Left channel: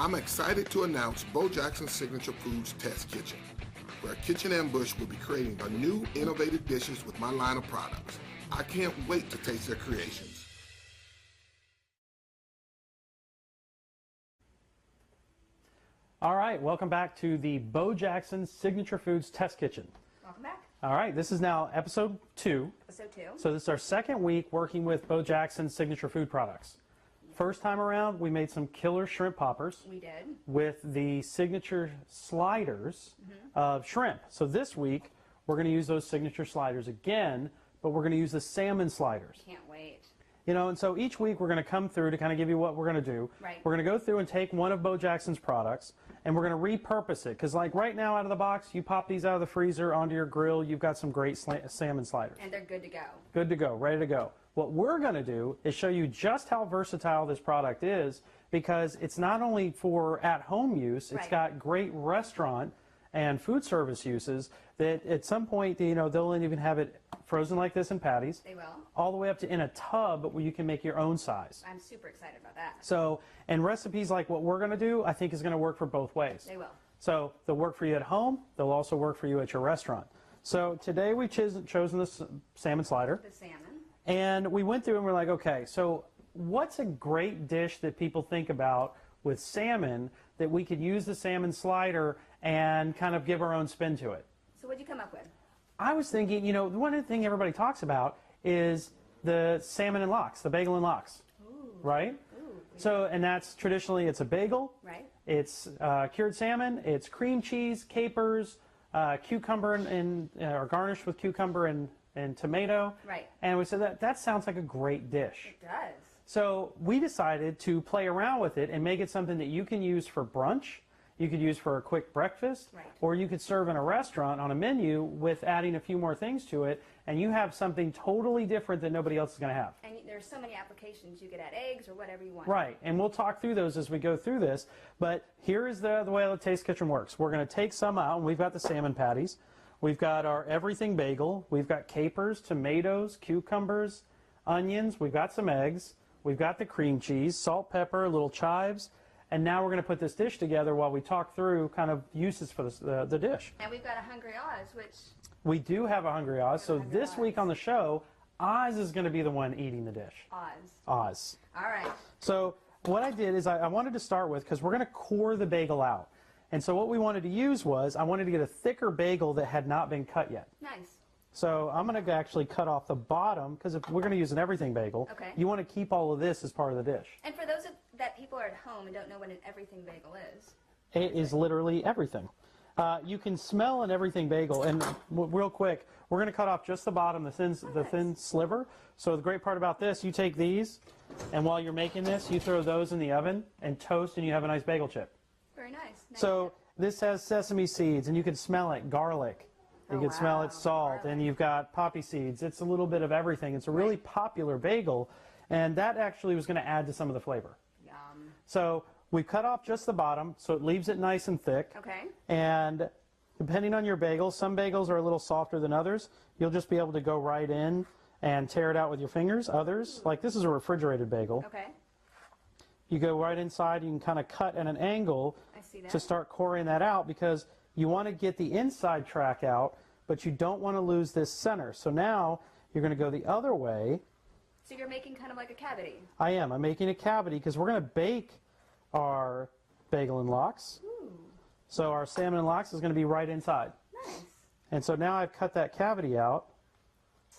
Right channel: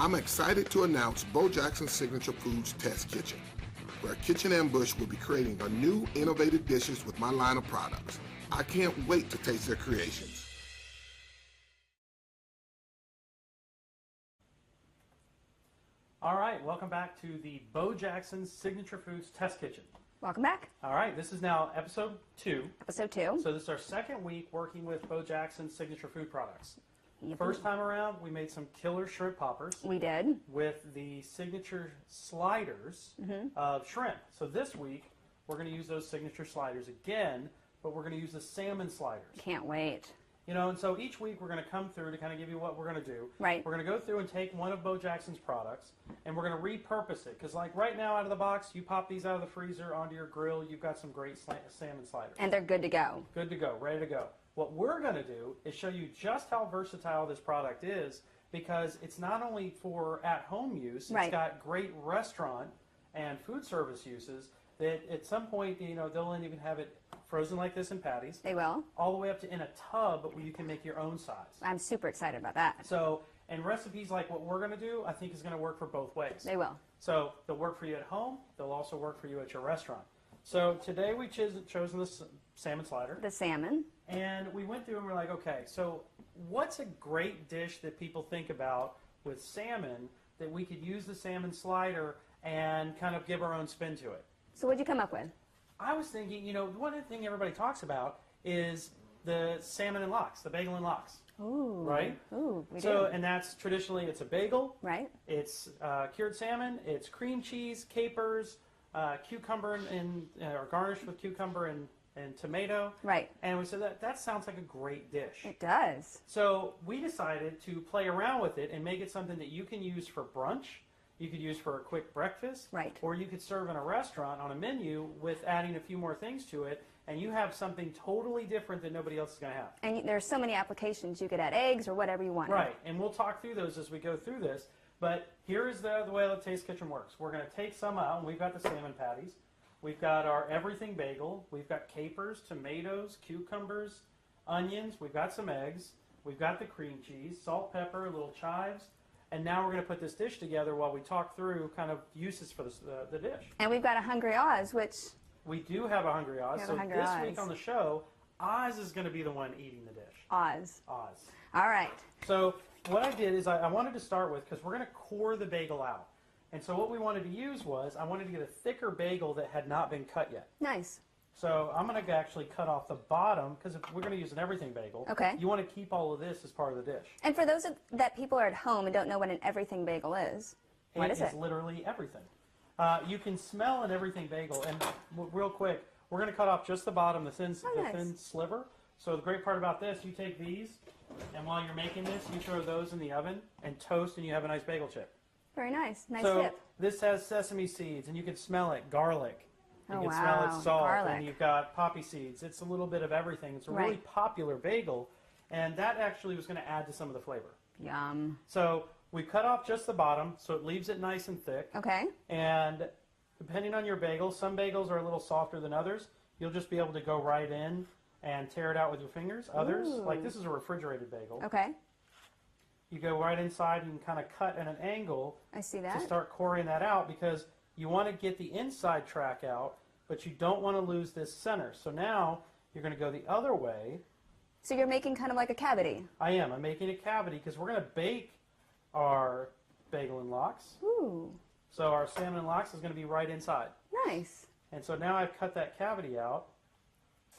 I'm excited to announce Bo Jackson's Signature Foods Test Kitchen, where Kitchen Ambush will be creating a new innovative dishes with my line of products. I can't wait to taste their creations. All right, welcome back to the Bo Jackson's Signature Foods Test Kitchen. Welcome back. All right, this is now episode 2. Episode 2. So this is our second week working with Bo Jackson's signature food products. Yep. First time around, we made some killer shrimp poppers. We did. With the signature sliders of shrimp. So this week, we're going to use those signature sliders again, but we're going to use the salmon sliders. Can't wait. You know, and so each week we're going to come through to kind of give you what we're going to do. Right. We're going to go through and take one of Bo Jackson's products, and we're going to repurpose it. Because like right now out of the box, you pop these out of the freezer onto your grill, you've got some great salmon sliders. And they're good to go. Good to go, ready to go. What we're going to do is show you just how versatile this product is, because it's not only for at-home use, it's got great restaurant and food service uses that at some point, you know, they'll even have it frozen like this in patties. They will. All the way up to in a tub where you can make your own size. I'm super excited about that. So, and recipes like what we're going to do, I think is going to work for both ways. They will. So they'll work for you at home. They'll also work for you at your restaurant. So today we've chosen this salmon slider. The salmon. And we went through and we're like, okay, so what's a great dish that people think about with salmon that we could use the salmon slider and kind of give our own spin to it? So what'd you come up with? I was thinking, you know, one thing everybody talks about is the salmon and lox, the bagel and lox. Ooh. Right? Ooh, and that's traditionally, it's a bagel. Right. It's cured salmon, it's cream cheese, capers, cucumber or garnished with cucumber and tomato. Right. And we said that sounds like a great dish. It does. So we decided to play around with it and make it something that you can use for brunch, you could use for a quick breakfast, or you could serve in a restaurant on a menu with adding a few more things to it, and you have something totally different that nobody else is going to have. And there's so many applications. You could add eggs or whatever you want. Right, and we'll talk through those as we go through this, but here is the way the Taste Kitchen works. We're going to take some out, and we've got the salmon patties. We've got our everything bagel. We've got capers, tomatoes, cucumbers, onions. We've got some eggs. We've got the cream cheese, salt, pepper, little chives. And now we're going to put this dish together while we talk through kind of uses for the dish. And we've got a Hungry Oz, which... We do have a Hungry Oz. So this week on the show, Oz is going to be the one eating the dish. Oz. Oz. All right. So what I did is I wanted to start with, because we're going to core the bagel out. And so what we wanted to use was, I wanted to get a thicker bagel that had not been cut yet. Nice. So I'm going to actually cut off the bottom, because if we're going to use an everything bagel, you want to keep all of this as part of the dish. And for those that people are at home and don't know what an everything bagel is, what is it? It is literally everything. You can smell an everything bagel, and real quick, we're going to cut off just the bottom, the thin sliver. So the great part about this, you take these, and while you're making this, you throw those in the oven and toast, and you have a nice bagel chip. Very nice. Nice so dip. This has sesame seeds, and you can smell it, garlic. You can smell it, salt, garlic. And you've got poppy seeds. It's a little bit of everything. It's a really popular bagel, and that actually was going to add to some of the flavor. Yum. So we cut off just the bottom, so it leaves it nice and thick. Okay. And depending on your bagel, some bagels are a little softer than others. You'll just be able to go right in and tear it out with your fingers. Others, like this is a refrigerated bagel. Okay. You go right inside, you can kind of cut at an angle to start coring that out, because you want to get the inside track out, but you don't want to lose this center. So now you're going to go the other way. So you're making kind of like a cavity. I am. I'm making a cavity because we're going to bake our bagel and lox. Ooh. So our salmon and lox is going to be right inside. Nice. And so now I've cut that cavity out,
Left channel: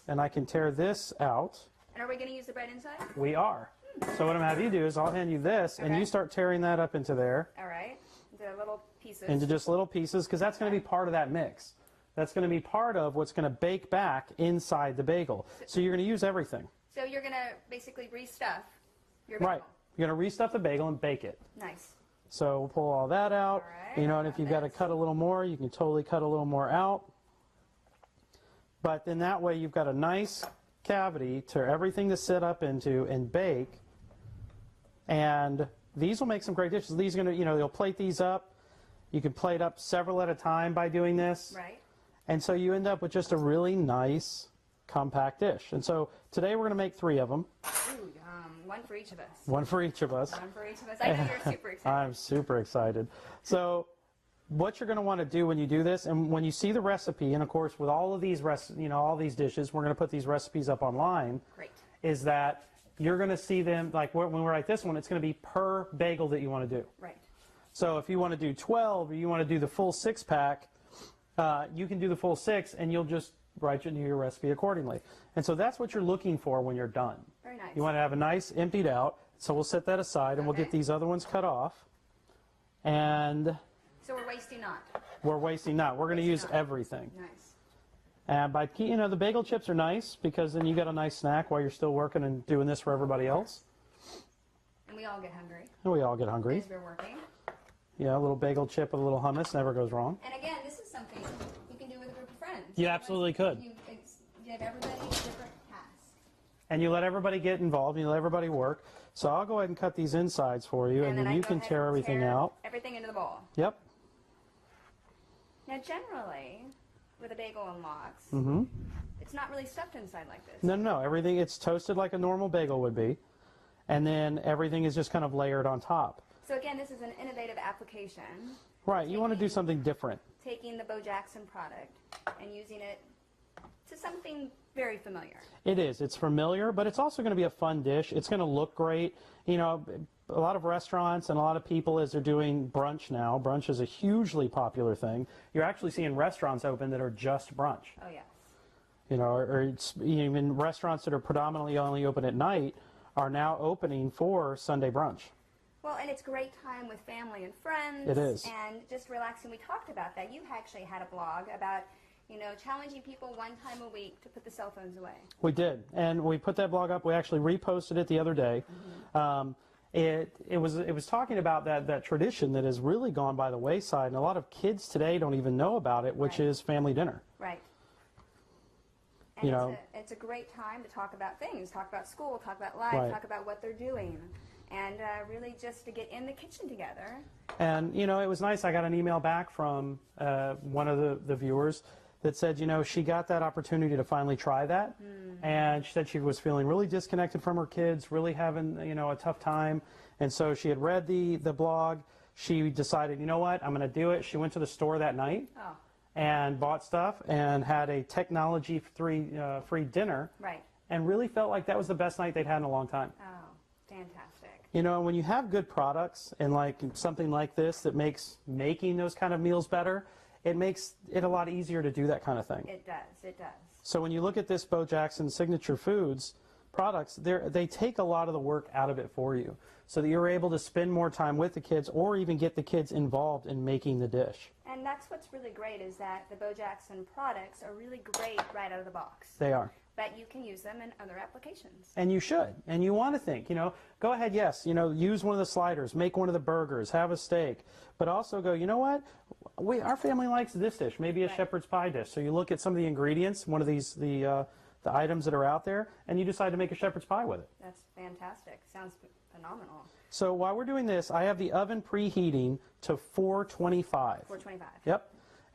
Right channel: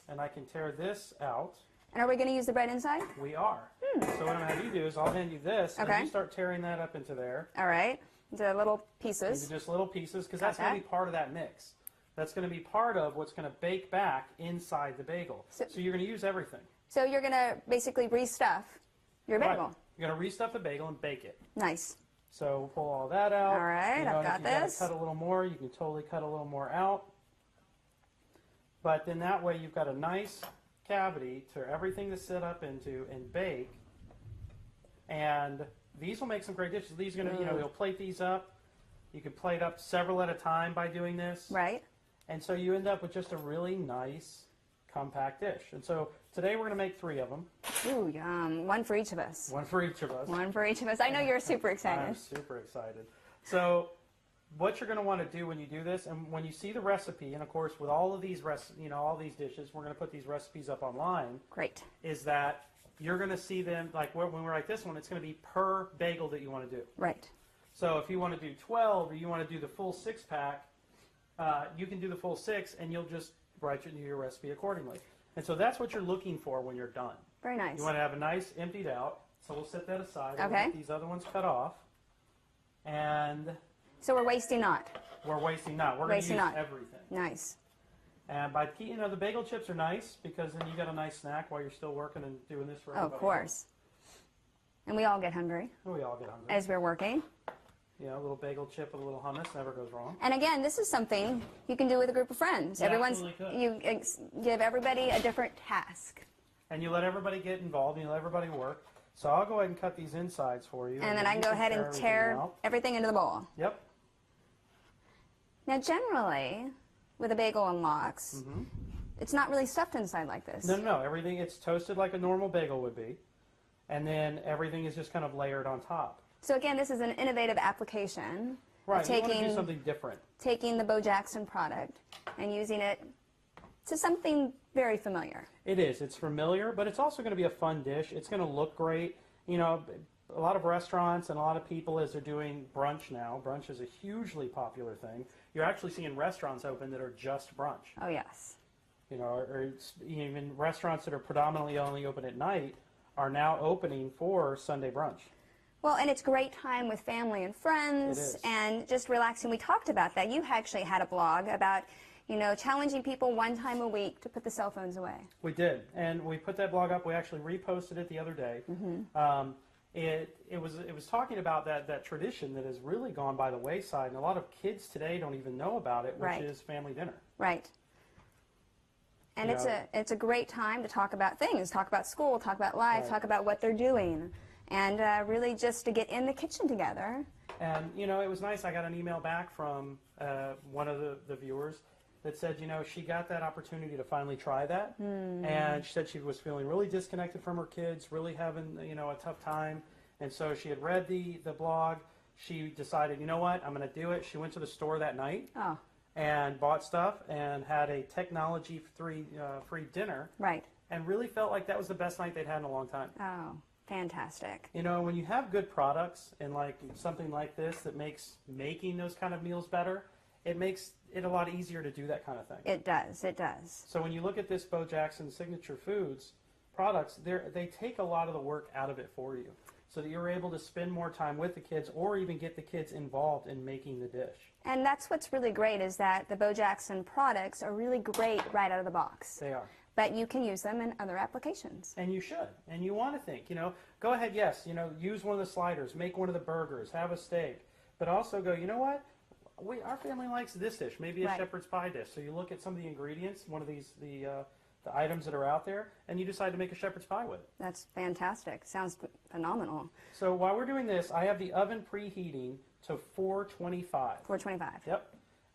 and I can tear this out. And are we going to use the bread inside? We are. So what I'm going to have you do is I'll hand you this, and you start tearing that up into there. All right. Into little pieces. Into just little pieces, because that's going to be part of that mix. That's going to be part of what's going to bake back inside the bagel. So you're going to use everything. So you're going to basically restuff your bagel. Right. You're going to restuff the bagel and bake it. Nice. So we'll pull all that out. All right, you know, and if you got to cut a little more, you can totally cut a little more out. But then that way you've got a nice cavity to everything to sit up into and bake. And these will make some great dishes. These are going to, you know, they'll plate these up. You can plate up several at a time by doing this. Right. And so you end up with just a really nice, compact dish. And so Today we're going to make 3 of them. Ooh, yum. One for each of us. One for each of us. One for each of us. I know you're super excited. I'm super excited. So what you're going to want to do when you do this, and when you see the recipe, and of course with all of these all these dishes, we're going to put these recipes up online. Great. Is that you're going to see them, like when we write this one, it's going to be per bagel that you want to do. Right. So if you want to do 12 or you want to do the full 6-pack, you can do the full 6 and you'll just write your recipe accordingly. And so that's what you're looking for when you're done. Very nice. You want to have a nice emptied out. So we'll set that aside and we'll get these other ones cut off. And so we're wasting not. We're wasting not. We're going to use everything. Nice. And by the bagel chips are nice because then you got a nice snack while you're still working and doing this for everybody else. And we all get hungry. And we all get hungry. As we're working. Yeah, a little bagel chip with a little hummus never goes wrong. And again, this is something you can do with a group of friends. You absolutely could. You give everybody a different task. And you let everybody get involved, and you let everybody work. So I'll go ahead and cut these insides for you. And then I you can go ahead and tear everything into the bowl. Yep. Now generally, with a bagel and lox, it's not really stuffed inside like this. No, everything, it's toasted like a normal bagel would be. And then everything is just kind of layered on top. So again, this is an innovative application. Right, you want to do something different. Taking the Bo Jackson product and using it to something very familiar. It is. It's familiar, but it's also going to be a fun dish. It's going to look great. You know, a lot of restaurants and a lot of people, as they're doing brunch now, brunch is a hugely popular thing. You're actually seeing restaurants open that are just brunch. Oh, yes. You know, or it's, even restaurants that are predominantly only open at night are now opening for Sunday brunch. Well, and it's a great time with family and friends. It is. And just relaxing. We talked about that. You actually had a blog about, challenging people one time a week to put the cell phones away. We did. And we put that blog up. We actually reposted it the other day. It was talking about that tradition that has really gone by the wayside. And a lot of kids today don't even know about it, which is family dinner. Right. And it's a great time to talk about things, talk about school, talk about life, talk about what they're doing. And really just to get in the kitchen together. And, it was nice. I got an email back from one of the viewers that said, she got that opportunity to finally try that. And she said she was feeling really disconnected from her kids, really having, a tough time. And so she had read the blog. She decided, you know what, I'm going to do it. She went to the store that night and bought stuff and had a technology-free dinner. Right. And really felt like that was the best night they'd had in a long time. Oh. Fantastic. When you have good products and like something like this that makes making those kind of meals better, it makes it a lot easier to do that kind of thing. It does. It does. So when you look at this Bo Jackson Signature Foods products, they take a lot of the work out of it for you so that you're able to spend more time with the kids or even get the kids involved in making the dish. And that's what's really great is that the Bo Jackson products are really great right out of the box. They are. But you can use them in other applications. And you should. And you want to think, go ahead, yes, use one of the sliders, make one of the burgers, have a steak. But also go, you know what? Our family likes this dish, maybe a shepherd's pie dish. So you look at some of the ingredients, one of these, the items that are out there, and you decide to make a shepherd's pie with it. That's fantastic. Sounds phenomenal. So while we're doing this, I have the oven preheating to 425. 425. Yep.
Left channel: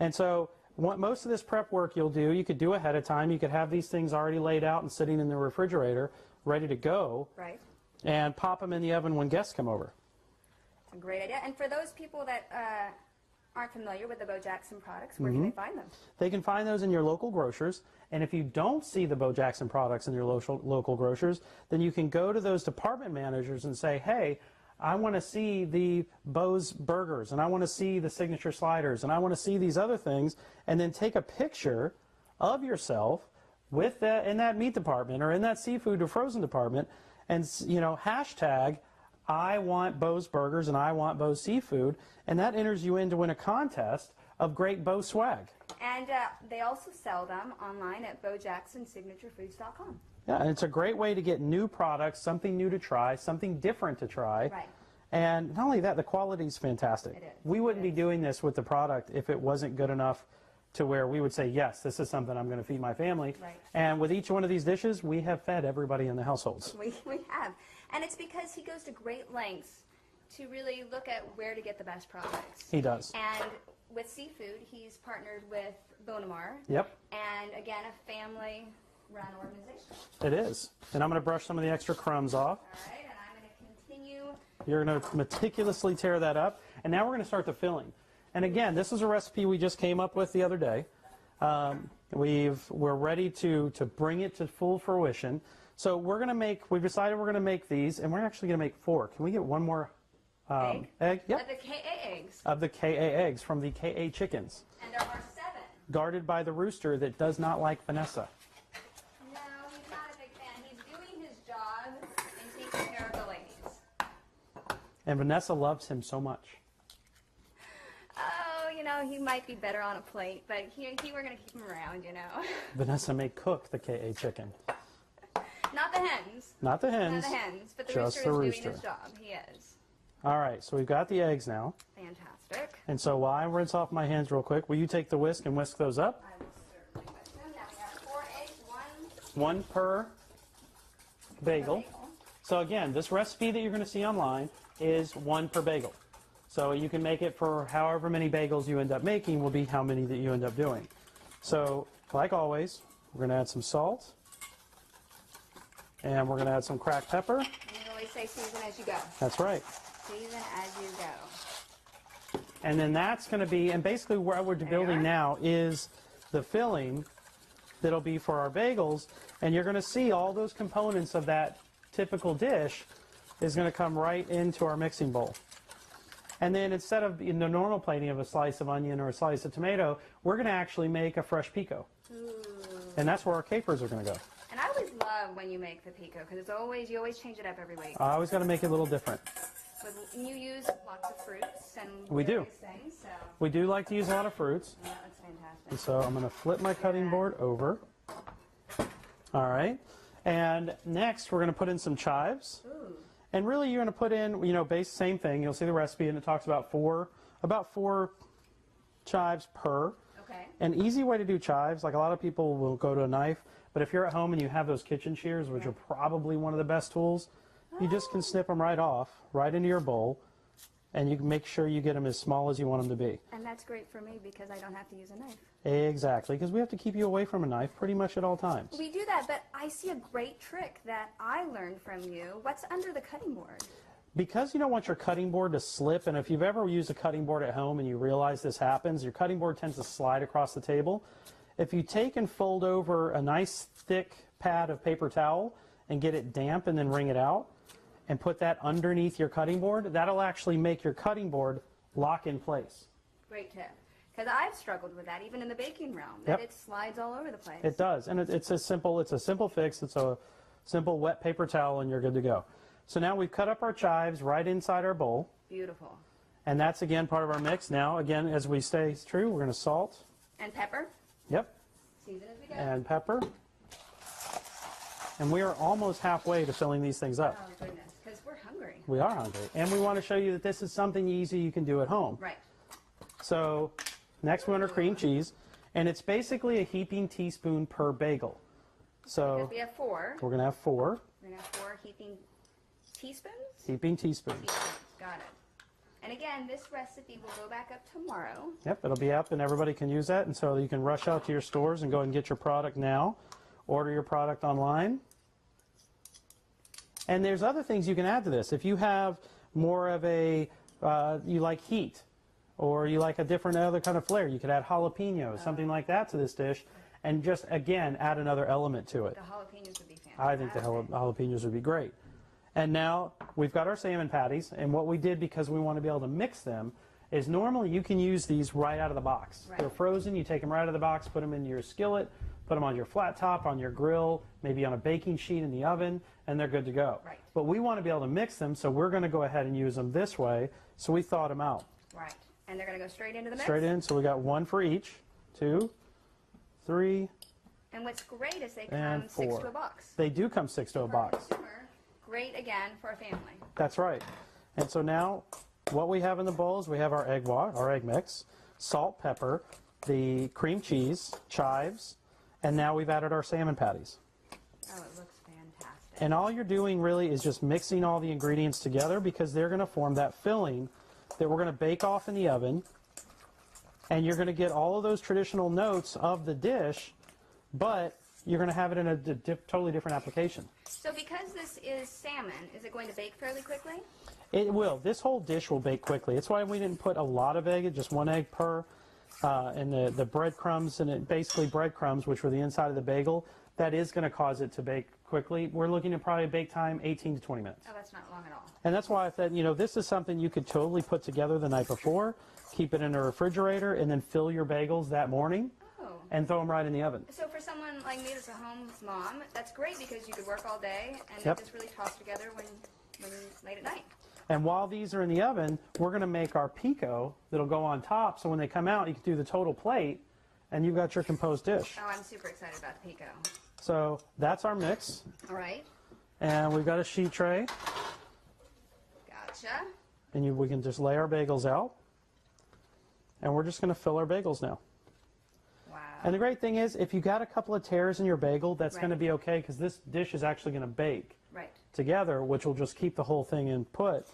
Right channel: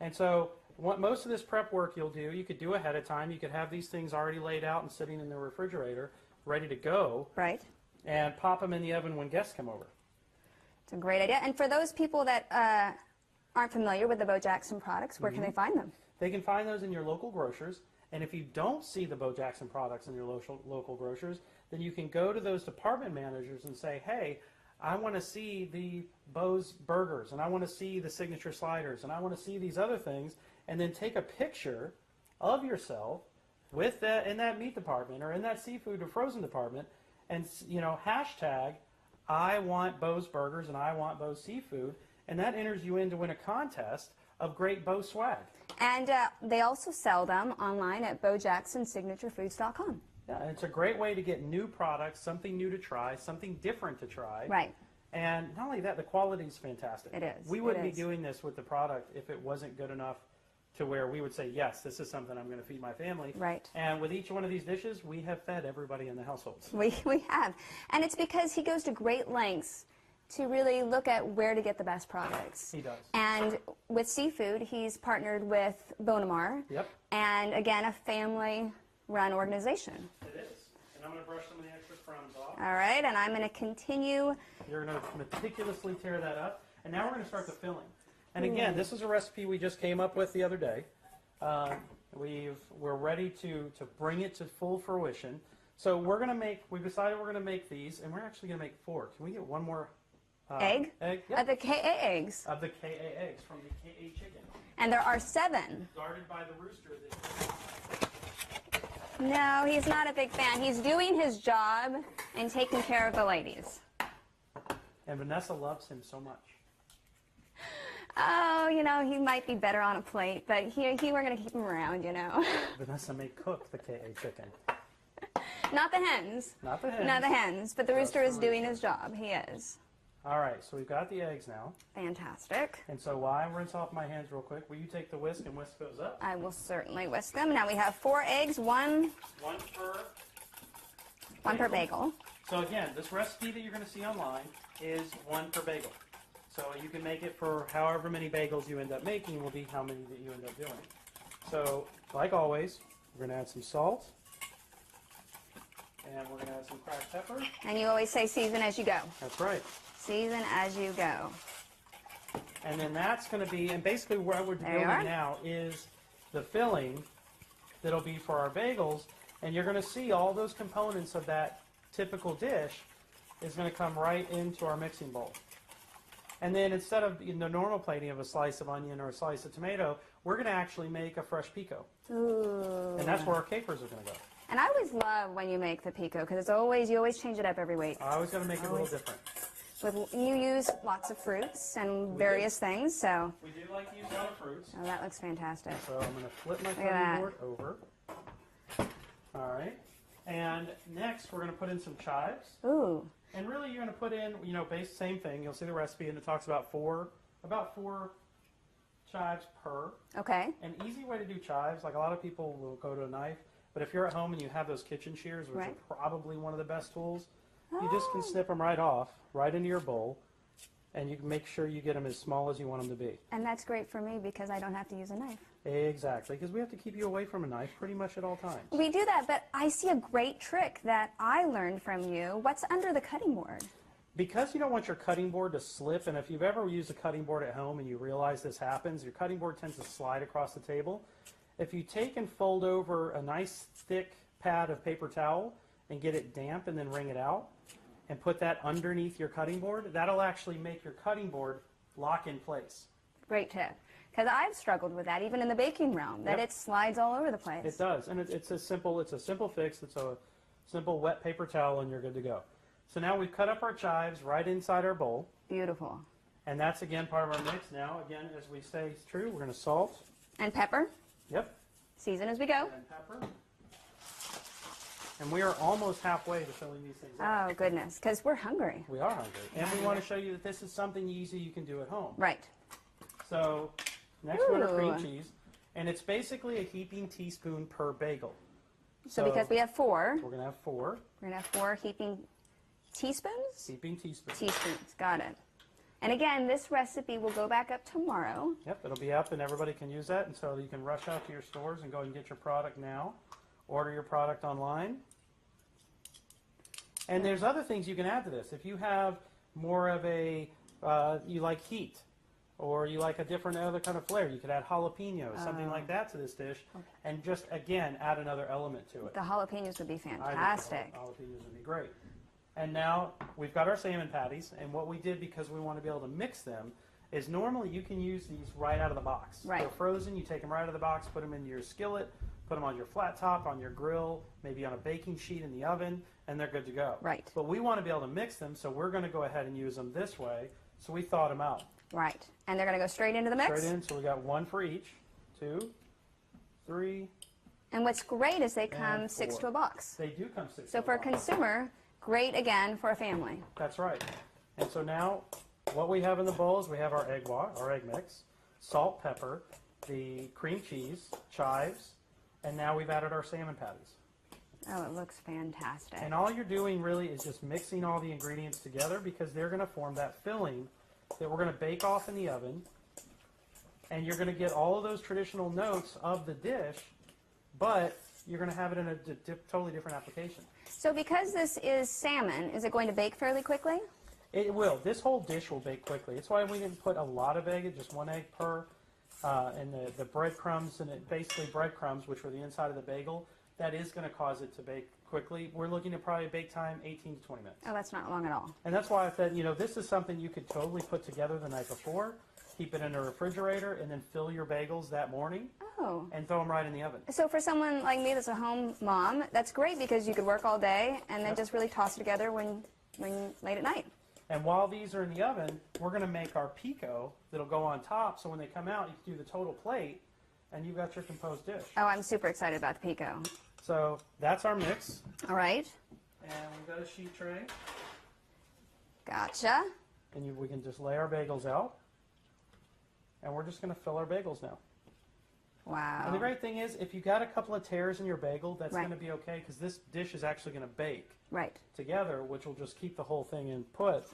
And so most of this prep work you'll do, you could do ahead of time. You could have these things already laid out and sitting in the refrigerator, ready to go. Right. And pop them in the oven when guests come over. It's a great idea. And for those people that aren't familiar with the Bo Jackson products, where can they find them? They can find those in your local grocers. And if you don't see the Bo Jackson products in your local grocers, then you can go to those department managers and say, hey, I want to see the Bo's burgers, and I want to see the signature sliders, and I want to see these other things, and then take a picture of yourself with in that meat department or in that seafood or frozen department, and hashtag I want Bo's burgers and I want Bo's seafood, and that enters you in to win a contest of great Bo swag. And they also sell them online at bojacksonsignaturefoods.com. Yeah, and it's a great way to get new products, something new to try, something different to try. Right. And not only that, the quality is fantastic. It is. We wouldn't be doing this with the product if it wasn't good enough to where we would say, yes, this is something I'm going to feed my family. Right. And with each one of these dishes, we have fed everybody in the households. We have. And it's because he goes to great lengths to really look at where to get the best products. He does. And with seafood, he's partnered with Bonamar. Yep. And again, a family run organization. It is. And I'm going to brush some of the extra crumbs off. All right, and I'm going to continue. You're going to meticulously tear that up. And now we're going to start the filling. And again, this is a recipe we just came up with the other day. We're ready to bring it to full fruition. So we've decided we're going to make these, and we're actually going to make 4. Can we get one more Egg? Yep. Of the KA eggs. Of the KA eggs from the KA chickens. And there are 7. Guarded by the rooster that does not like Vanessa. No, he's not a big fan. He's doing his job and taking care of the ladies. And Vanessa loves him so much. Oh, you know, he might be better on a plate, but we're going to keep him around, you know. Vanessa may cook the KA chicken. Not the hens. Not the hens. Not the hens, but the Just rooster the is doing rooster. his job. He is. All right, so we've got the eggs now. Fantastic. And so while I rinse off my hands real quick, will you take the whisk and whisk those up? I will certainly whisk them. Now we have 4 eggs, one per bagel. per bagel. So again, this recipe that you're going to see online is 1 per bagel. So you can make it for however many bagels you end up making will be how many that you end up doing. So, like always, we're going to add some salt. And we're going to add some cracked pepper. And you always say season as you go. That's right. Season as you go. And then that's going to be, and basically what we're building now is the filling that'll be for our bagels. And you're going to see all those components of that typical dish is going to come right into our mixing bowl. And then instead of in the normal plating of a slice of onion or a slice of tomato, we're going to actually make a fresh pico. Ooh. And that's where our capers are going to go. And I always love when you make the pico because you always change it up every week. I always got to make it a little different. You use lots of fruits and We various things, so. We do like to use a lot of fruits. Oh, that looks fantastic. And so I'm going to flip my cutting board over. All right. And next we're going to put in some chives. Ooh. And really you're going to put in, same thing. You'll see the recipe and it talks about four chives per. Okay. An easy way to do chives, like a lot of people will go to a knife, but if you're at home and you have those kitchen shears, which are probably one of the best tools, you just can snip them right off, right into your bowl, and you can make sure you get them as small as you want them to be. And that's great for me because I don't have to use a knife. Exactly, because we have to keep you away from a knife pretty much at all times. We do that, but I see a great trick that I learned from you. What's under the cutting board? Because you don't want your cutting board to slip, and if you've ever used a cutting board at home and you realize this happens, your cutting board tends to slide across the table. If you take and fold over a nice thick pad of paper towel and get it damp and then wring it out and put that underneath your cutting board, that'll actually make your cutting board lock in place. Great tip. Because I've struggled with that, even in the baking realm, that it slides all over the place. It does, and it's a simple fix. It's a simple wet paper towel and you're good to go. So now we've cut up our chives right inside our bowl. Beautiful. And that's, again, part of our mix. Now, again, as we stay true, we're going to salt. And pepper. Yep. Season as we go. And pepper. And we are almost halfway to filling these things up. Oh, goodness, because we're hungry. We are hungry. And we want to show you that this is something easy you can do at home. Right. So, next one are cream cheese. And it's basically a heaping teaspoon per bagel. So because we have 4. We're going to have 4. We're going to have 4 heaping teaspoons? Heaping teaspoons. Teaspoons, got it. And again, this recipe will go back up tomorrow. Yep, it'll be up and everybody can use that. And so you can rush out to your stores and go and get your product now. Order your product online. And there's other things you can add to this. If you have more of a, you like heat, or you like a different other kind of flair, you could add jalapenos, something like that to this dish, and just, again, add another element to it. The jalapenos would be fantastic. I think the jalapenos would be great. And now we've got our salmon patties, and what we did, because we want to be able to mix them, is normally you can use these right out of the box. Right. They're frozen, you take them right out of the box, put them in your skillet, put them on your flat top, on your grill, maybe on a baking sheet in the oven, and they're good to go. Right. But we want to be able to mix them, so we're going to go ahead and use them this way, so we thawed them out. Right. And they're going to go straight into the mix? Straight in, so we got 1 for each, 2, 3, and what's great is they come 6 4. to a box. They do come 6 to a So for box. a consumer, great again for a family. That's right. And so now what we have in the bowl is we have our egg mix, salt, pepper, the cream cheese, chives, and now we've added our salmon patties. Oh, it looks fantastic. And all you're doing really is just mixing all the ingredients together because they're going to form that filling that we're going to bake off in the oven. And you're going to get all of those traditional notes of the dish, but you're going to have it in a totally different application. So because this is salmon, is it going to bake fairly quickly? It will. This whole dish will bake quickly. It's why we didn't put a lot of egg, just 1 egg per. And the breadcrumbs, and it basically breadcrumbs, which were the inside of the bagel, that is going to cause it to bake quickly. We're looking at probably bake time 18 to 20 minutes. Oh, that's not long at all. And that's why I said, this is something you could totally put together the night before, keep it in a refrigerator, and then fill your bagels that morning. Oh. And throw them right in the oven. So for someone like me that's a home mom, that's great because you could work all day and then just really toss it together when late at night. And while these are in the oven, we're going to make our pico that'll go on top, so when they come out, you can do the total plate, and you've got your composed dish. Oh, I'm super excited about the pico. So that's our mix. All right. And we've got a sheet tray. Gotcha. And we can just lay our bagels out. And we're just going to fill our bagels now. Wow. And the great thing is, if you got a couple of tears in your bagel, that's going to be okay, because this dish is actually going to bake together, which will just keep the whole thing in put.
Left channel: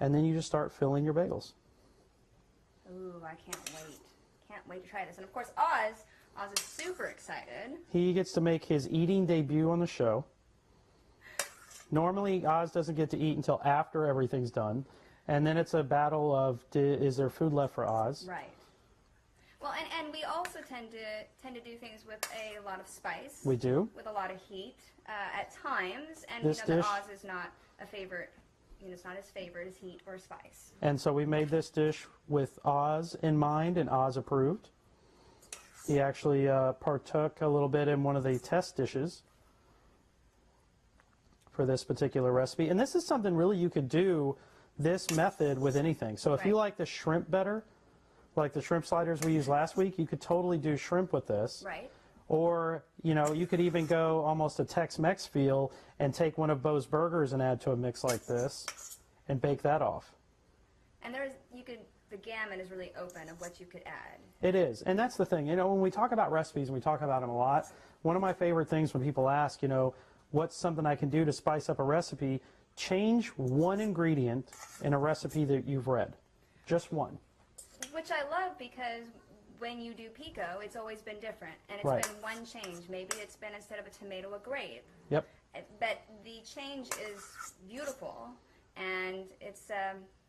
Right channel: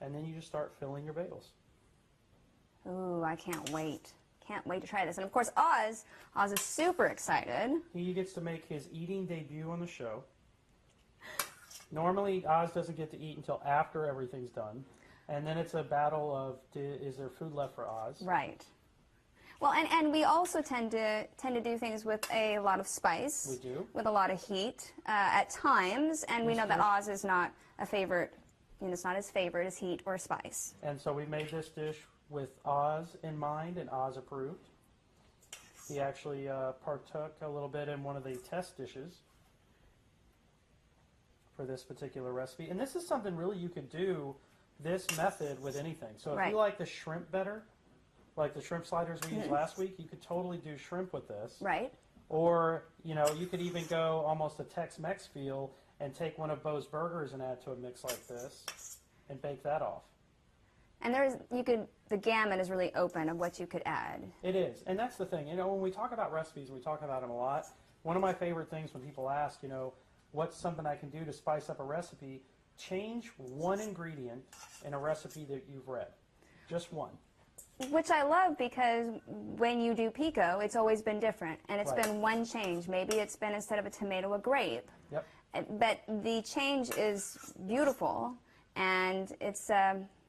And then you just start filling your bagels. Ooh, I can't wait. Can't wait to try this. And of course, Oz is super excited. He gets to make his eating debut on the show. Normally, Oz doesn't get to eat until after everything's done. And then it's a battle of, is there food left for Oz? Right. Well, and we also tend to do things with a lot of spice. We do. With a lot of heat at times, and we know that Oz is not a favorite. It's not his favorite is heat or spice. And so we made this dish with Oz in mind, and Oz approved. He actually partook a little bit in one of the test dishes for this particular recipe. And this is something really you could do this method with anything. So if you like the shrimp better, like the shrimp sliders we used last week, you could totally do shrimp with this. Right. Or, you could even go almost a Tex-Mex feel and take one of Bo's burgers and add to a mix like this and bake that off. And the gamut is really open of what you could add. It is. And that's the thing. When we talk about recipes, and we talk about them a lot, one of my favorite things when people ask, what's something I can do to spice up a recipe, change one ingredient in a recipe that you've read. Just one. Which I love, because when you do pico, it's always been different. And it's been one change. Maybe it's been, instead of a tomato, a grape. Yep. But the change is beautiful, and it's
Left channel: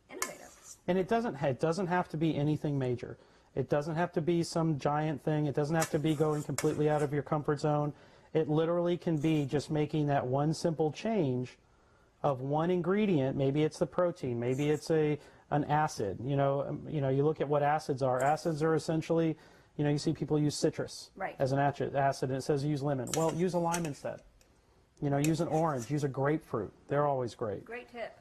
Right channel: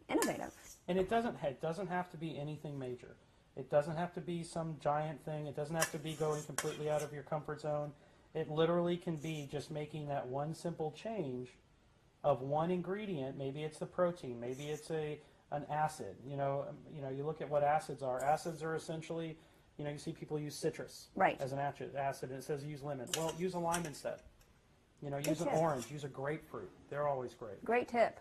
innovative. And it doesn't have to be anything major. It doesn't have to be some giant thing. It doesn't have to be going completely out of your comfort zone. It literally can be just making that one simple change of one ingredient. Maybe it's the protein. Maybe it's an acid. You look at what acids are. Acids are essentially, you see people use citrus as an acid, and it says use lemon. Well, use a lime instead. Use an orange, use a grapefruit. They're always great. Great tip.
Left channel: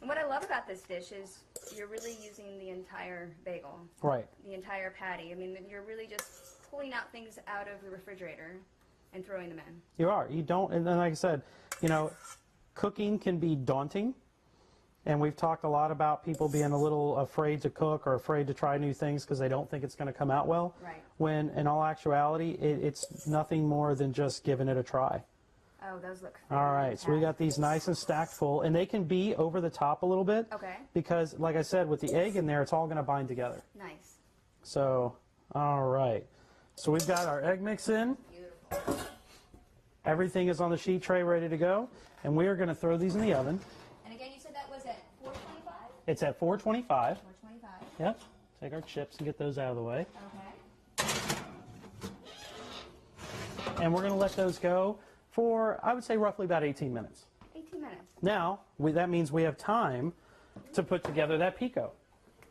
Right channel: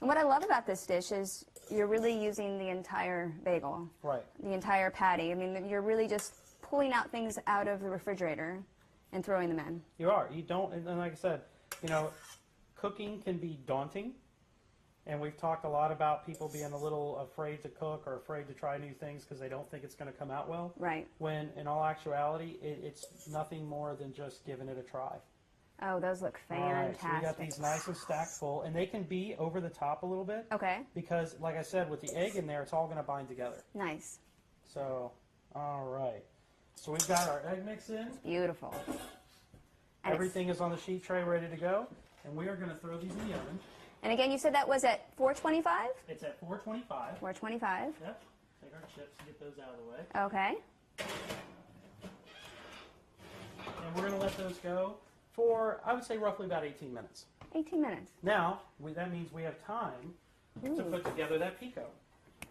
And what I love about this dish is you're really using the entire bagel. Right. The entire patty. I mean, you're really just pulling out things out of the refrigerator and throwing them in. You are. You don't, and then like I said, cooking can be daunting. And we've talked a lot about people being a little afraid to cook or afraid to try new things because they don't think it's going to come out well. Right. When in all actuality, it's nothing more than just giving it a try. Oh, those look fantastic. All right, so we got these nice and stacked full, and they can be over the top a little bit. Okay. Because, like I said, with the egg in there, it's all going to bind together. Nice. So, all right. So we've got our egg mix in. Beautiful. Everything is on the sheet tray ready to go, and we are going to throw these in the oven. And again, you said that was at 425? It's at 425. 425. Yep. Take our chips and get those out of the way. Okay. And we're going to let those go for, I would say, roughly about 18 minutes. 18 minutes. Now, that means we have time to put together that pico.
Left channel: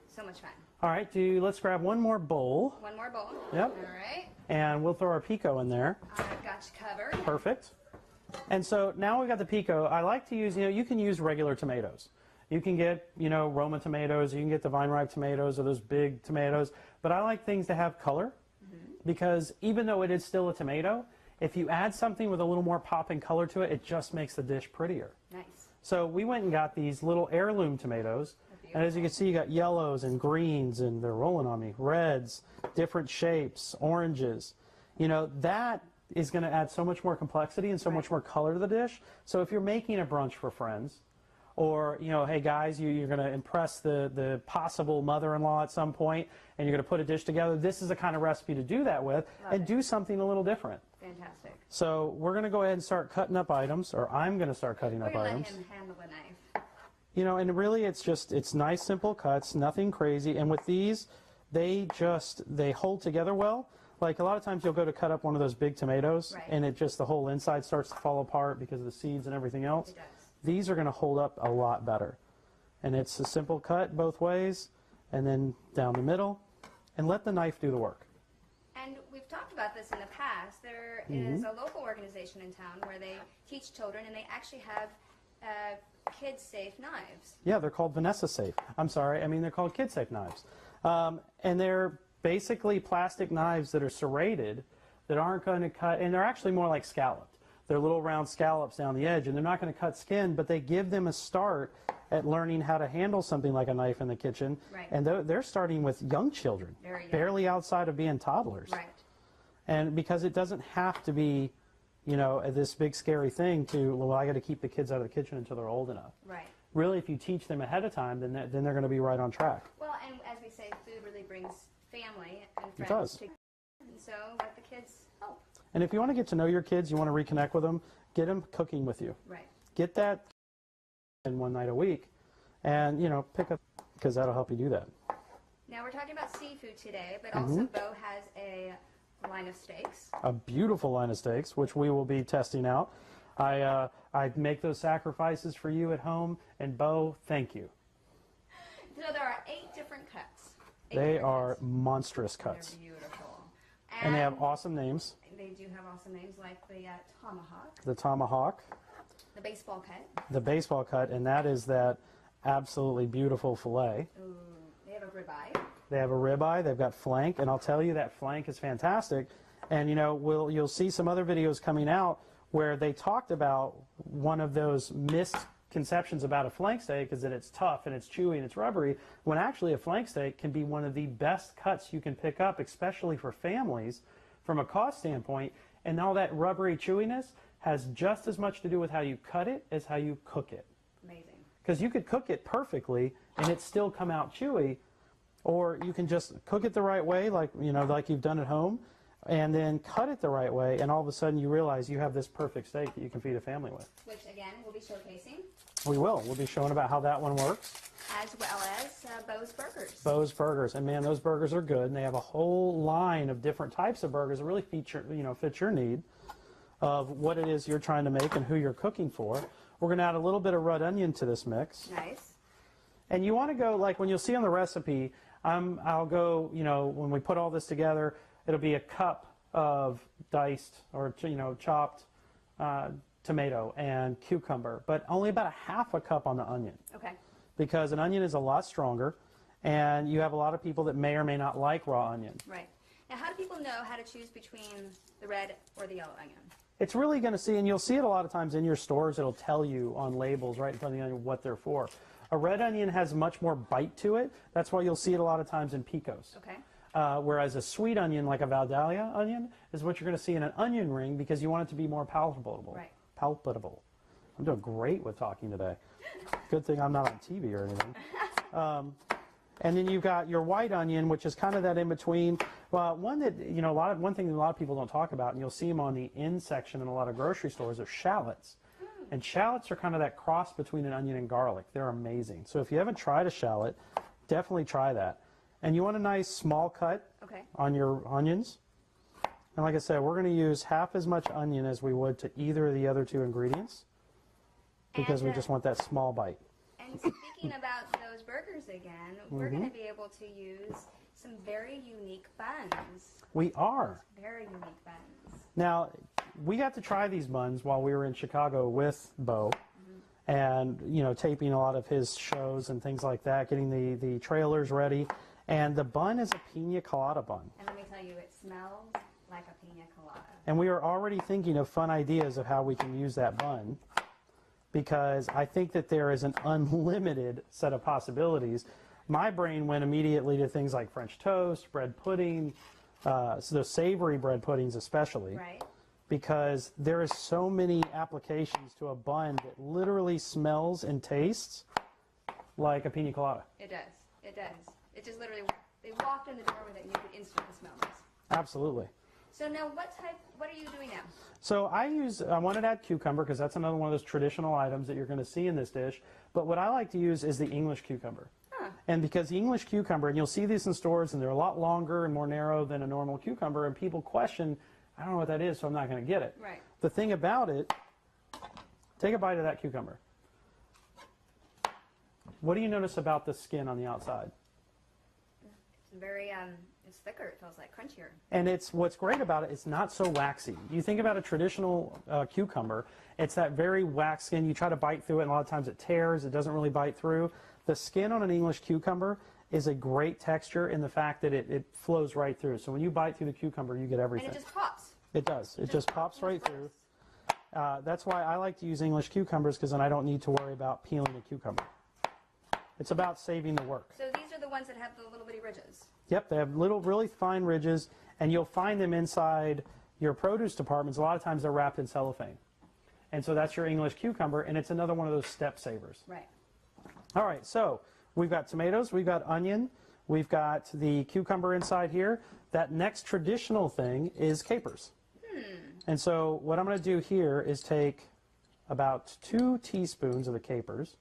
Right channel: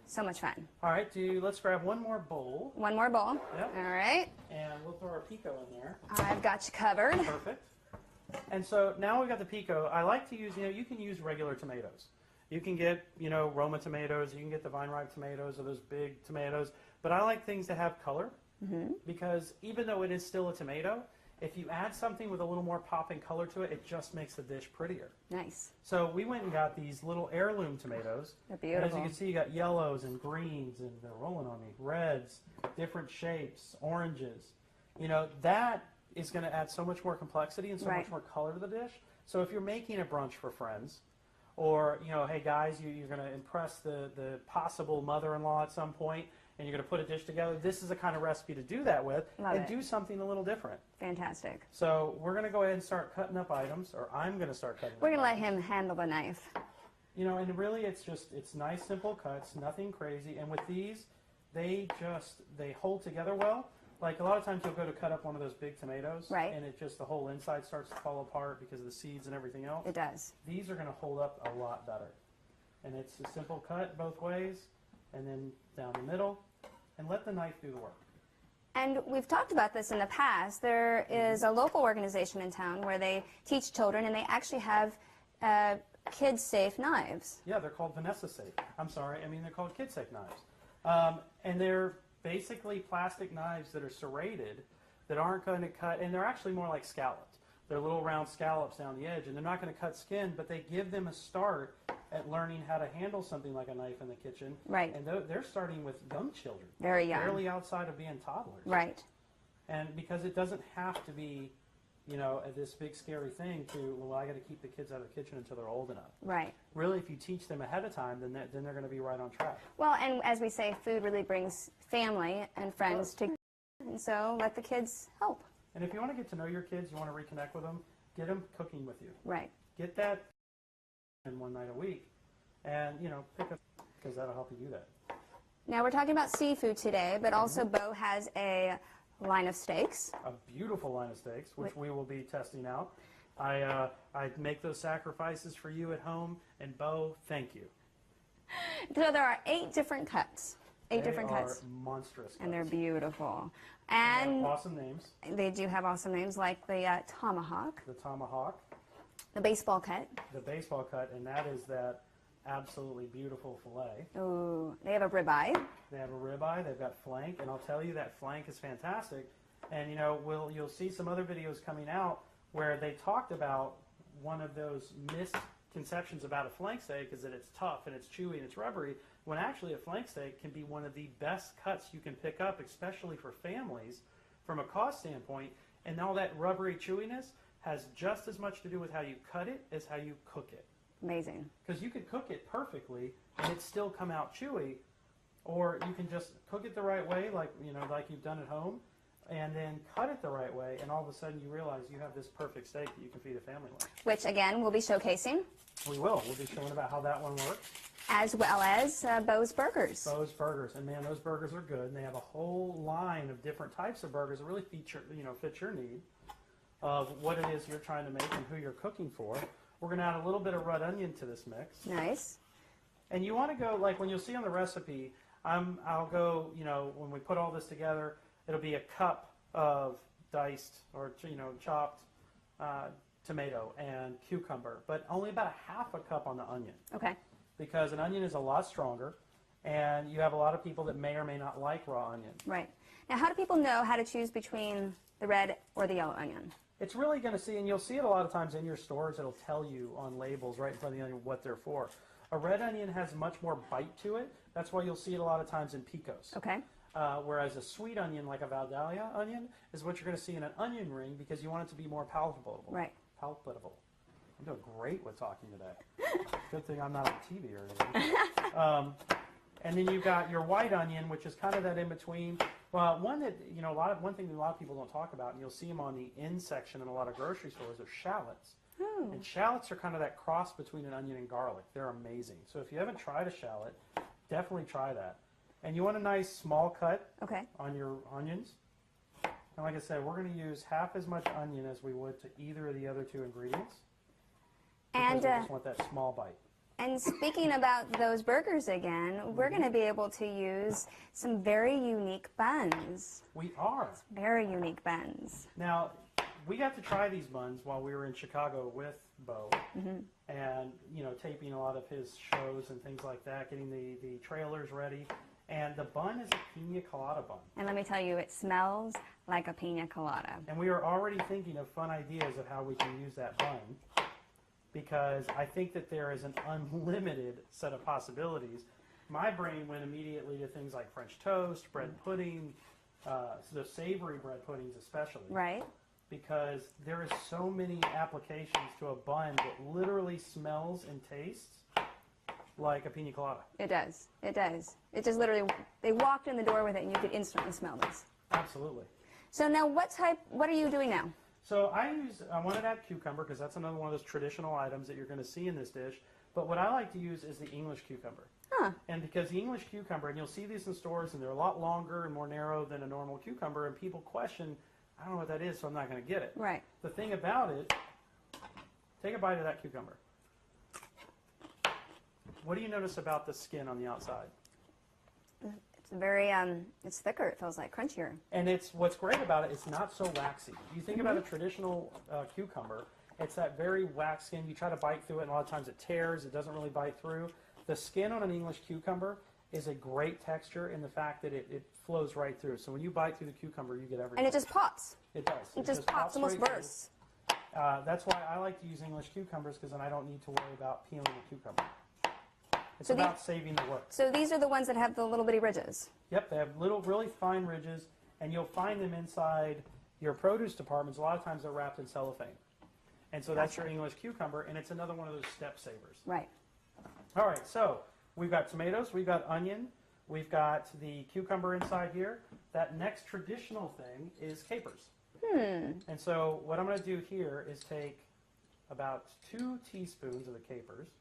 So much fun. All right, let's grab one more bowl. One more bowl. Yep. All right. And we'll throw our pico in there. I've got you covered. Perfect. And so now we've got the pico. I like to use, you can use regular tomatoes. You can get, Roma tomatoes. You can get the vine-ripe tomatoes or those big tomatoes. But I like things that have color because even though it is still a tomato, if you add something with a little more pop and color to it, it just makes the dish prettier. Nice. So we went and got these little heirloom tomatoes. They're beautiful. And as you can see, you got yellows and greens, and they're rolling on me, reds, different shapes, oranges. That is going to add so much more complexity and so much more color to the dish. So if you're making a brunch for friends, or, you know, hey guys, you're going to impress the possible mother-in-law at some point, and you're going to put a dish together. This is the kind of recipe to do that with. Love and it. do something a little different. Fantastic. So we're going to go ahead and start cutting up items, or I'm going to start cutting up items. We're going to let him handle the knife. You know, and really it's nice, simple cuts, nothing crazy. And with these, they hold together well. Like a lot of times you'll go to cut up one of those big tomatoes, right. and the whole inside starts to fall apart because of the seeds and everything else. It does. These are going to hold up a lot better. And it's a simple cut both ways, and then down the middle, and let the knife do the work. And we've talked about this in the past. There is a local organization in town where they teach children, and they actually have kid-safe knives. Yeah, they're called Vanessa safe. I'm sorry, I mean they're called kid-safe knives. And they're basically plastic knives that are serrated that aren't going to cut, and they're actually more like scalloped. They're little round scallops down the edge, and they're not going to cut skin, but they give them a start at learning how to handle something like a knife in the kitchen. Right. And they're starting with young children. Very young. Barely outside of being toddlers. Right. And because it doesn't have to be, you know, this big scary thing to, well, I got to keep the kids out of the kitchen until they're old enough. Right. Really, if you teach them ahead of time, then they're going to be right on track. Well, and as we say, food really brings family and friends together, and so let the kids help. And if you want to get to know your kids, you want to reconnect with them, get them cooking with you. Right. Get that in one night a week, and, you know, pick up, because that'll help you do that. Now we're talking about seafood today, but also Bo has a line of steaks. A beautiful line of steaks, which we will be testing out. I make those sacrifices for you at home, and Bo, thank you. So there are 8 different cuts. They are monstrous cuts. And they're beautiful. And they have awesome names. They do have awesome names, like the tomahawk. The tomahawk. The baseball cut. The baseball cut, and that is that absolutely beautiful filet. Ooh, they have a ribeye. They have a ribeye. They've got flank, and I'll tell you that flank is fantastic. And, you know, you'll see some other videos coming out where they talked about one of those misconceptions about a flank steak is that it's tough and it's chewy and it's rubbery, when actually a flank steak can be one of the best cuts you can pick up, especially for families from a cost standpoint. And all that rubbery chewiness has just as much to do with how you cut it as how you cook it. Amazing. Because you could cook it perfectly and it still come out chewy, or you can just cook it the right way, like, you know, like you've done at home, and then cut it the right way, and all of a sudden you realize you have this perfect steak that you can feed a family with. Which, again, we'll be showcasing. We will. We'll be showing about how that one works. As well as Bo's Burgers. Bo's Burgers. And, man, those burgers are good, and they have a whole line of different types of burgers that really fit your need of what it is you're trying to make and who you're cooking for. We're going to add a little bit of red onion to this mix. Nice. And you want to go, like when you'll see on the recipe, I'll go, you know, when we put all this together, it'll be a cup of diced or, you know, chopped tomato and cucumber, but only about a half a cup on the onion. Okay. Because an onion is a lot stronger, and you have a lot of people that may or may not like raw onion. Right. Now, how do people know how to choose between the red or the yellow onion? It's really going to see, and you'll see it a lot of times in your stores, it'll tell you on labels right in front of the onion what they're for. A red onion has much more bite to it. That's why you'll see it a lot of times in picos. Okay. Whereas a sweet onion, like a Vidalia onion, is what you're going to see in an onion ring because you want it to be more palatable. Right. Palpable. I'm doing great with talking today. Good thing I'm not on TV or anything. And then you've got your white onion, which is kind of that in between. Well, one that, you know, one thing that a lot of people don't talk about, and you'll see them on the end section in a lot of grocery stores, are shallots. And shallots are kind of that cross between an onion and garlic. They're amazing. So if you haven't tried a shallot, definitely try that. And you want a nice small cut on your onions. And like I said, we're going to use half as much onion as we would to either of the other 2 ingredients because we just want that small bite. And speaking about those burgers again, we're going to be able to use some very unique buns. We are. Very unique buns. Now, we got to try these buns while we were in Chicago with Bo, and, you know, taping a lot of his shows and things like that, getting the trailers ready. And the bun is a pina colada bun. And let me tell you, it smells like a pina colada. And we are already thinking of fun ideas of how we can use that bun, because I think that there is an unlimited set of possibilities. My brain went immediately to things like French toast, bread pudding, so those savory bread puddings especially. Right. because there is so many applications to a bun that literally smells and tastes like a pina colada. It does. It does. It just literally, they walked in the door with it and you could instantly smell this. Absolutely. So now what are you doing now? So I wanted to add cucumber because that's another one of those traditional items that you're going to see in this dish. But what I like to use is the English cucumber. Huh. And because the English cucumber, and you'll see these in stores, and they're a lot longer and more narrow than a normal cucumber, and people question, I don't know what that is, so I'm not going to get it. Right. The thing about it, take a bite of that cucumber. What do you notice about the skin on the outside? It's very, it's thicker, it feels like, crunchier. And what's great about it, it's not so waxy. You think about a traditional cucumber, it's that very waxed skin. You try to bite through it, and a lot of times it tears, it doesn't really bite through. The skin on an English cucumber is a great texture in the fact that it flows right through. So when you bite through the cucumber, you get everything. And it just pops. It does. It just pops, almost right bursts. through. That's why I like to use English cucumbers, because then I don't need to worry about peeling the cucumber. It's about saving the work. So these are the ones that have the little bitty ridges. Yep, they have little, really fine ridges, and you'll find them inside your produce departments. A lot of times they're wrapped in cellophane. And so that's your English cucumber, and it's another one of those step savers. Right. All right, so we've got tomatoes, we've got onion, we've got the cucumber inside here. That next traditional thing is capers. And so what I'm going to do here is take about 2 teaspoons of the capers.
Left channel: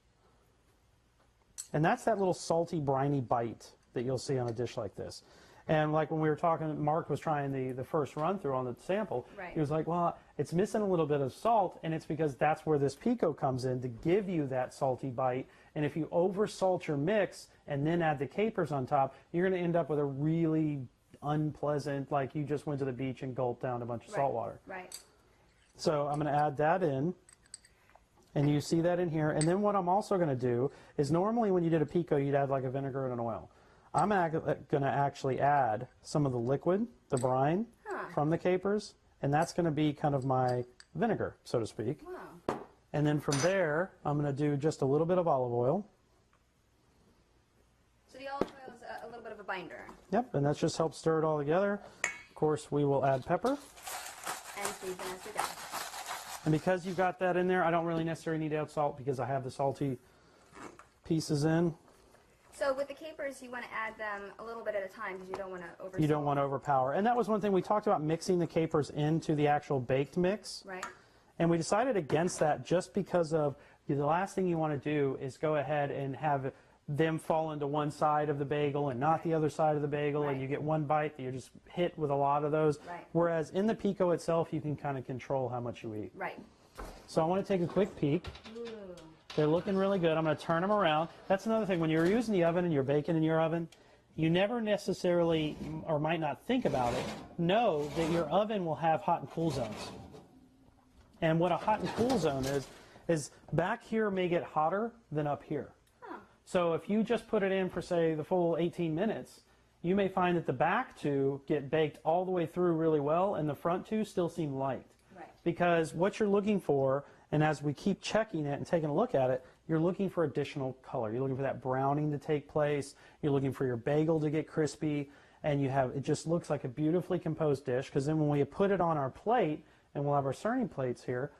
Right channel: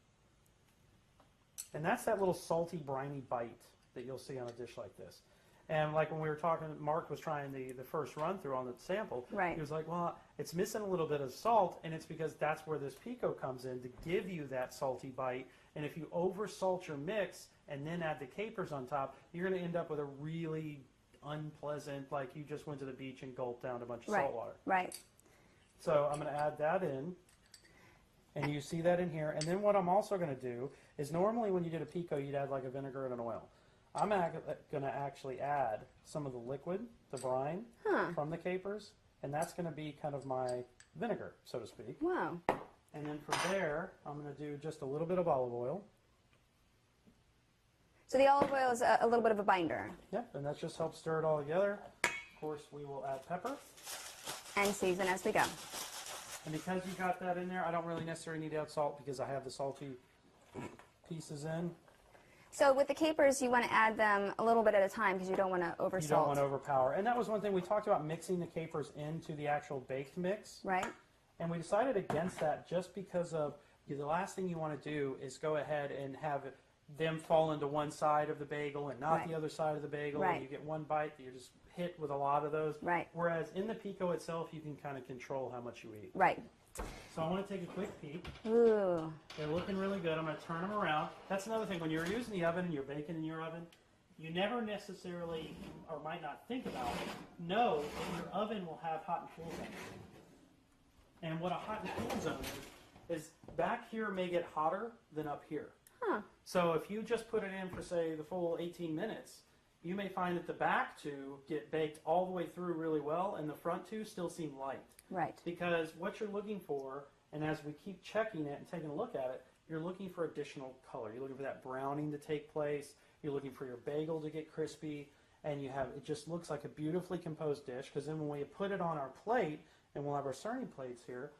And that's that little salty, briny bite that you'll see on a dish like this. And like when we were talking, Mark was trying the first run through on the sample. Right. He was like, well, it's missing a little bit of salt, and it's because that's where this pico comes in to give you that salty bite. And if you over salt your mix and then add the capers on top, you're going to end up with a really unpleasant, like you just went to the beach and gulped down a bunch of salt water. Right. So I'm going to add that in. And you see that in here. And then what I'm also going to do is normally when you did a pico, you'd add like a vinegar and an oil. I'm going to actually add some of the liquid, the brine, from the capers. And that's going to be kind of my vinegar, so to speak. Wow. And then from there, I'm going to do just a little bit of olive oil. So the olive oil is a little bit of a binder. Yep, and that just helps stir it all together. Of course, we will add pepper. And season as we go. And because you got that in there, I don't really necessarily need to add salt because I have the salty pieces in. So with the capers, you want to add them a little bit at a time because you don't want to oversalt. You don't want to overpower. And that was one thing we talked about, mixing the capers into the actual baked mix. Right. And we decided against that just because of the last thing you want to do is go ahead and have them fall into one side of the bagel and not the other side of the bagel, and you get one bite that you're just hit with a lot of those. Right. Whereas in the pico itself, you can kind of control how much you eat. Right. So I want to take a quick peek. Ooh. They're looking really good. I'm going to turn them around. That's another thing. When you're using the oven and you're baking in your oven, you never necessarily, or might not think about it, know that your oven will have hot and cool zones. And what a hot and cool zone is back here may get hotter than up here. Huh. So if you just put it in for, say, the full 18 minutes, you may find that the back two get baked all the way through really well, and the front two still seem light. Right. Because what you're looking for, and as we keep checking it and taking a look at it, you're looking for additional color. You're looking for that browning to take place. You're looking for your bagel to get crispy, and it just looks like a beautifully composed dish, because then when we put it on our plate, and we'll have our serving plates here,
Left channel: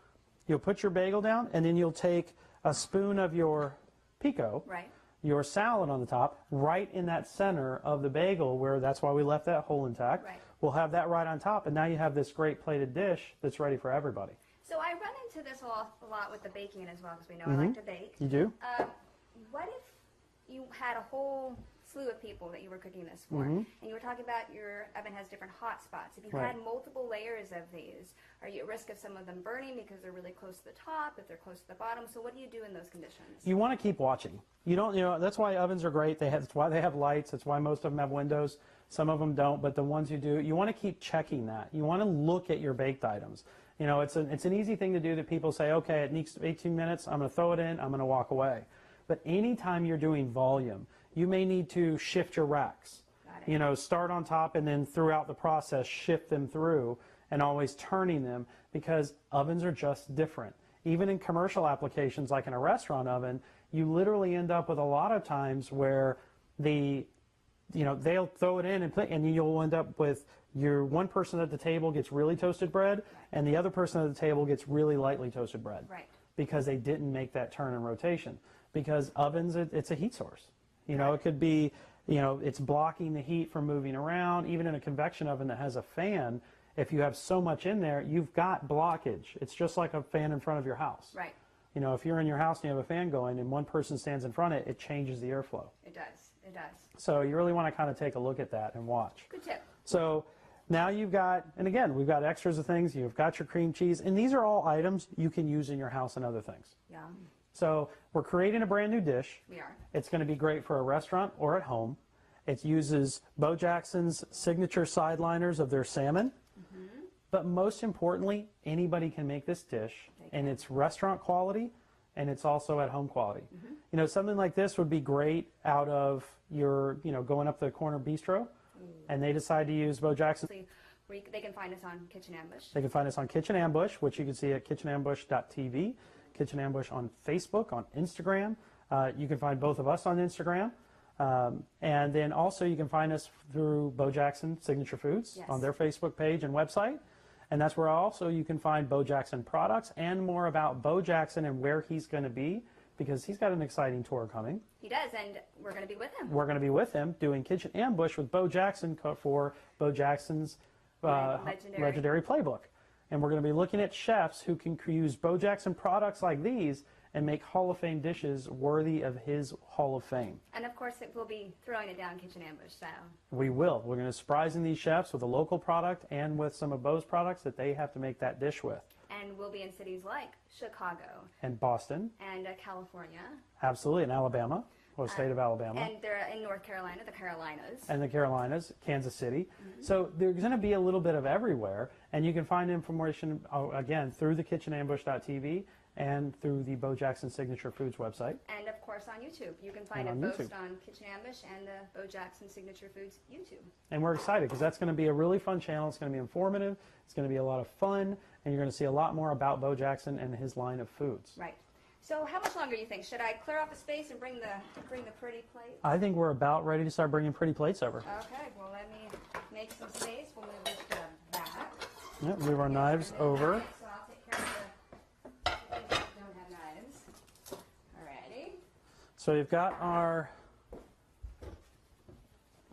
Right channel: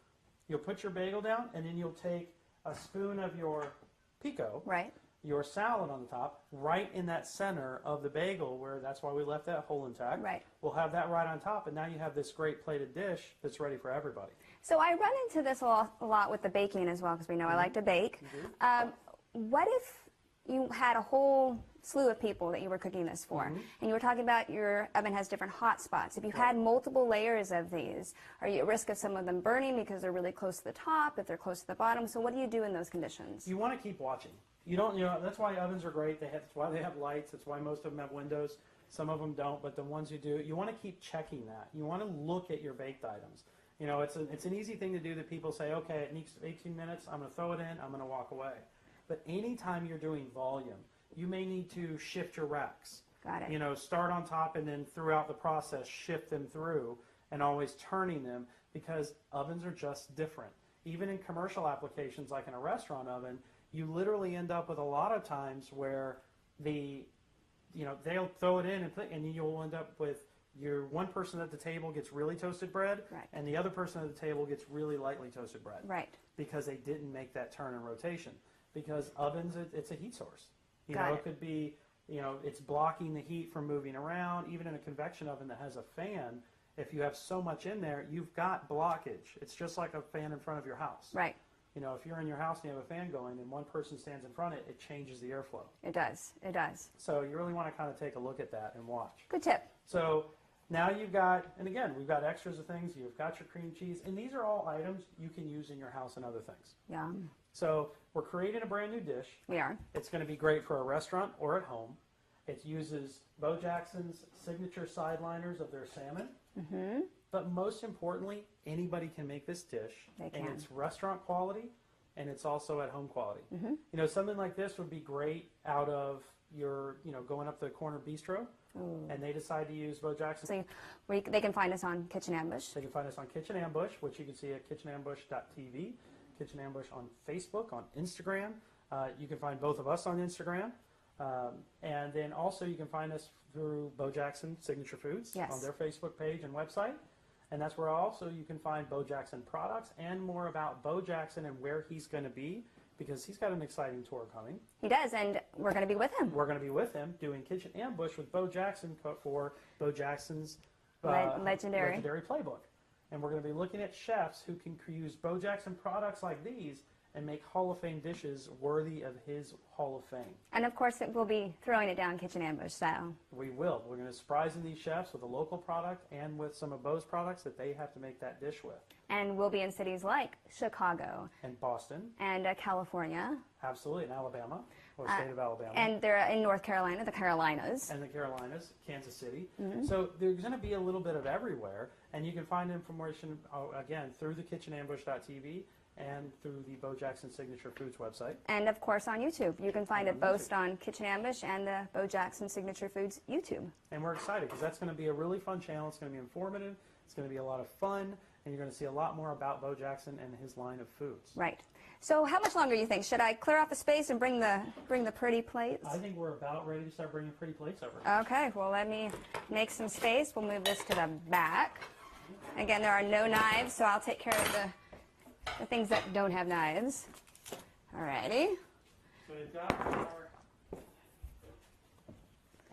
you'll put your bagel down, and then you'll take a spoon of your pico, Right. your salad on the top, right in that center of the bagel, where that's why we left that hole intact. Right. We'll have that right on top, and now you have this great plated dish that's ready for everybody. So I run into this a lot with the baking as well, because we know I like to bake. You do? What if you had a whole slew of people that you were cooking this for, and you were talking about your oven has different hot spots. If you had multiple layers of these, are you at risk of some of them burning because they're really close to the top, if they're close to the bottom? So what do you do in those conditions? You want to keep watching. That's why ovens are great. That's why they have lights. That's why most of them have windows. Some of them don't, but the ones who do, you want to keep checking that. You want to look at your baked items. It's an easy thing to do that people say, okay, it needs 18 minutes, I'm going to throw it in, I'm going to walk away. But anytime you're doing volume, you may need to shift your racks. Got it. Start on top and then throughout the process shift them through and always turning them, because ovens are just different. Even in commercial applications like in a restaurant oven, you literally end up with a lot of times where they'll throw it in and you'll end up with your one person at the table gets really toasted bread, and the other person at the table gets really lightly toasted bread. Right. Because they didn't make that turn in rotation. Because ovens, it's a heat source. You know, it could be, you know, it's blocking the heat from moving around. Even in a convection oven that has a fan, if you have so much in there, you've got blockage. It's just like a fan in front of your house. Right. You know, if you're in your house and you have a fan going and one person stands in front of it, it changes the airflow. It does. It does. So you really want to kind of take a look at that and watch. Good tip. So now you've got, and again, we've got extras of things. You've got your cream cheese, and these are all items you can use in your house and other things. Yum. So we're creating a brand new dish. We are. It's going to be great for a restaurant or at home. It uses Bo Jackson's signature sideliners of their salmon. Mm-hmm. But most importantly, anybody can make this dish, and it's restaurant quality, and it's also at home quality. Mm-hmm. You know, something like this would be great out of your, you know, going up the corner bistro, and they decide to use Bo Jackson. So they can find us on Kitchen Ambush. They can find us on Kitchen Ambush, which you can see at kitchenambush.tv, Kitchen Ambush on Facebook, on Instagram. You can find both of us on Instagram. And then also you can find us through Bo Jackson Signature Foods on their Facebook page and website. And that's where also you can find Bo Jackson products and more about Bo Jackson and where he's going to be, because he's got an exciting tour coming. He does, and we're going to be with him. We're going to be with him doing Kitchen Ambush with Bo Jackson for Bo Jackson's legendary playbook. And we're going to be looking at chefs who can use Bo Jackson products like these and make Hall of Fame dishes worthy of his Hall of Fame. And of course, we'll be throwing it down Kitchen Ambush style. We will. We're going to surprise these chefs with a local product and with some of Bo's products that they have to make that dish with. And we'll be in cities like Chicago. And Boston. And California. Absolutely. And Alabama. Or state of Alabama. And they're in North Carolina, the Carolinas. And the Carolinas, Kansas City. Mm-hmm. So there's going to be a little bit of everywhere. And you can find information, again, through the kitchenambush.tv and through the Bo Jackson Signature Foods website. And, of course, on YouTube. You can find it both on Kitchen Ambush and the Bo Jackson Signature Foods YouTube. And we're excited because that's going to be a really fun channel. It's going to be informative. It's going to be a lot of fun. And you're going to see a lot more about Bo Jackson and his line of foods. Right. So how much longer do you think? Should I clear off a space and bring the pretty plates? I think we're about ready to start bringing pretty plates over. Okay. Well, let me make some space. We'll move this to the back. Yep, again, there are no knives, so I'll take care of the things that don't have knives. Alrighty. So we've got our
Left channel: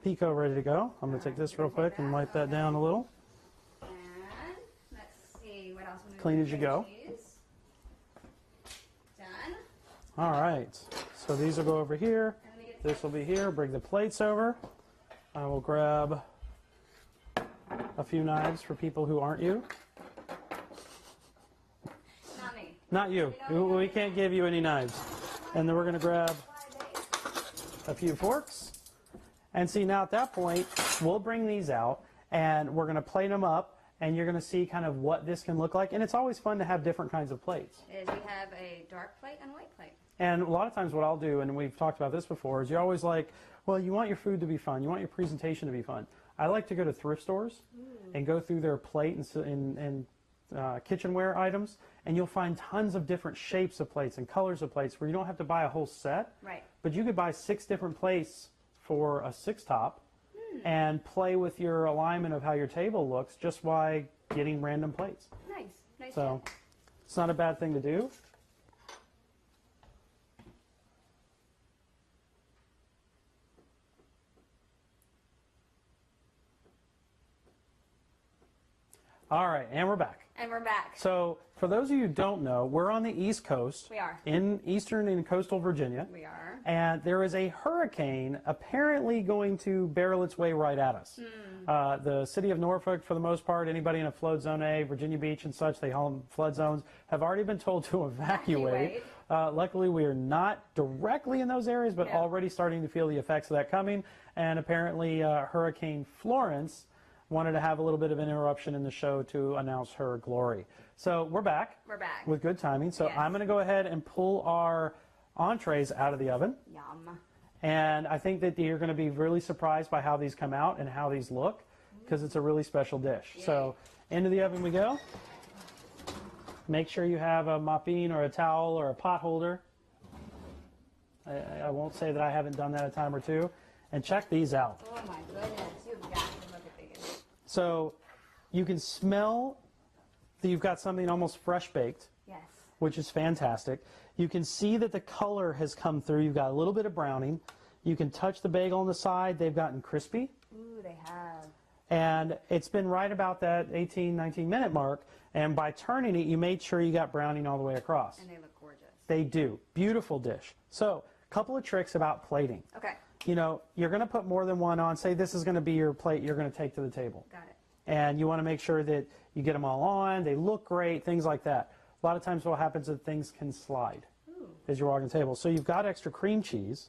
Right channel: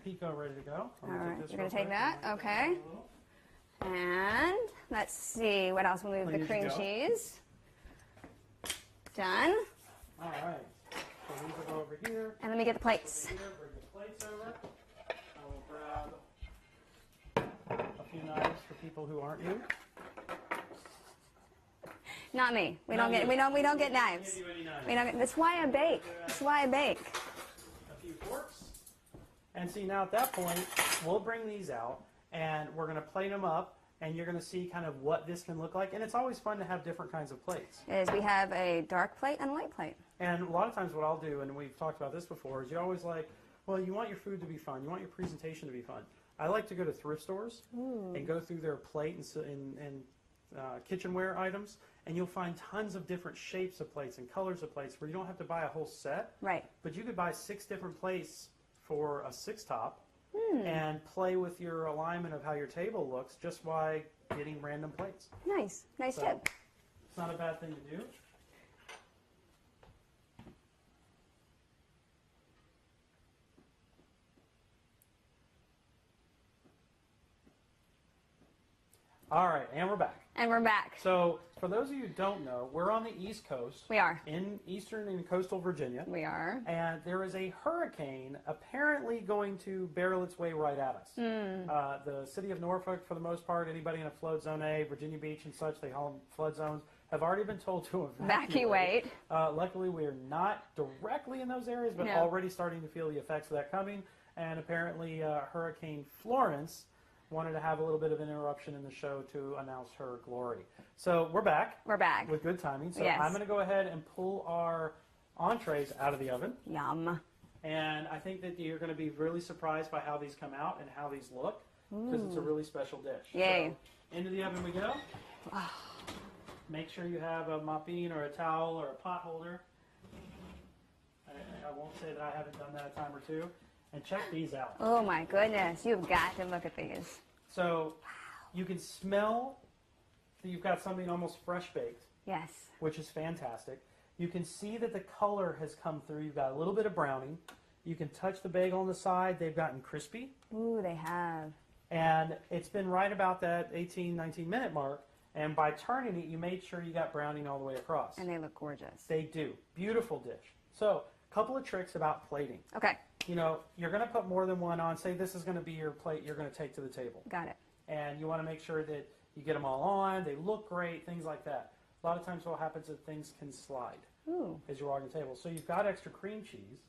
pico ready to go. I'm going to take this real quick and wipe that down a little. And let's see, what else? We'll move the cream cheese. Done. All right. So these will go over here. And let me get the plates. This will be here. Bring the plates over. I will grab a few knives for people who aren't you. Not me. We Not don't you. get knives. We can't give you any knives. That's why I bake. That's why I bake. A few forks. And see, now at that point, we'll bring these out and we're going to plate them up. And you're going to see kind of what this can look like. And it's always fun to have different kinds of plates. We have a dark plate and a light plate. And a lot of times what I'll do, and we've talked about this before, is you're always like, well, you want your food to be fun. You want your presentation to be fun. I like to go to thrift stores and go through their plate and kitchenware items. And you'll find tons of different shapes of plates and colors of plates where you don't have to buy a whole set. Right. But you could buy 6 different plates for a 6-top. And play with your alignment of how your table looks just by getting random plates. Nice. Nice tip. It's not a bad thing to do. All right, and we're back. And we're back. So, for those of you who don't know, we're on the East Coast. We are. In eastern and coastal Virginia. We are. And there is a hurricane apparently going to barrel its way right at us. The city of Norfolk, for the most part, anybody in a flood zone A, Virginia Beach and such, they call them flood zones, have already been told to evacuate. Luckily, we are not directly in those areas, but already starting to feel the effects of that coming. And apparently, Hurricane Florence wanted to have a little bit of an interruption in the show to announce her glory. So we're back. We're back. With good timing. So I'm going to go ahead and pull our entrees out of the oven. Yum. And I think that you're going to be really surprised by how these come out and how these look, because it's a really special dish. Yay. So into the oven we go. Make sure you have a mopping or a towel or a pot holder. I won't say that I haven't done that a time or two. And check these out. Oh my goodness, you've got to look at these. So you can smell that you've got something almost fresh baked, Yes. which is fantastic. You can see that the color has come through. You've got a little bit of browning. You can touch the bagel on the side. They've gotten crispy. Ooh, they have. And it's been right about that 18, 19-minute mark. And by turning it, you made sure you got browning all the way across. And they look gorgeous. They do. Beautiful dish. So, a couple of tricks about plating. Okay. You know, you're going to put more than one on. Say this is going to be your plate you're going to take to the table. Got it. And you want to make sure that you get them all on, they look great, things like that. A lot of times what happens is things can slide as you're walking the table. So you've got extra cream cheese,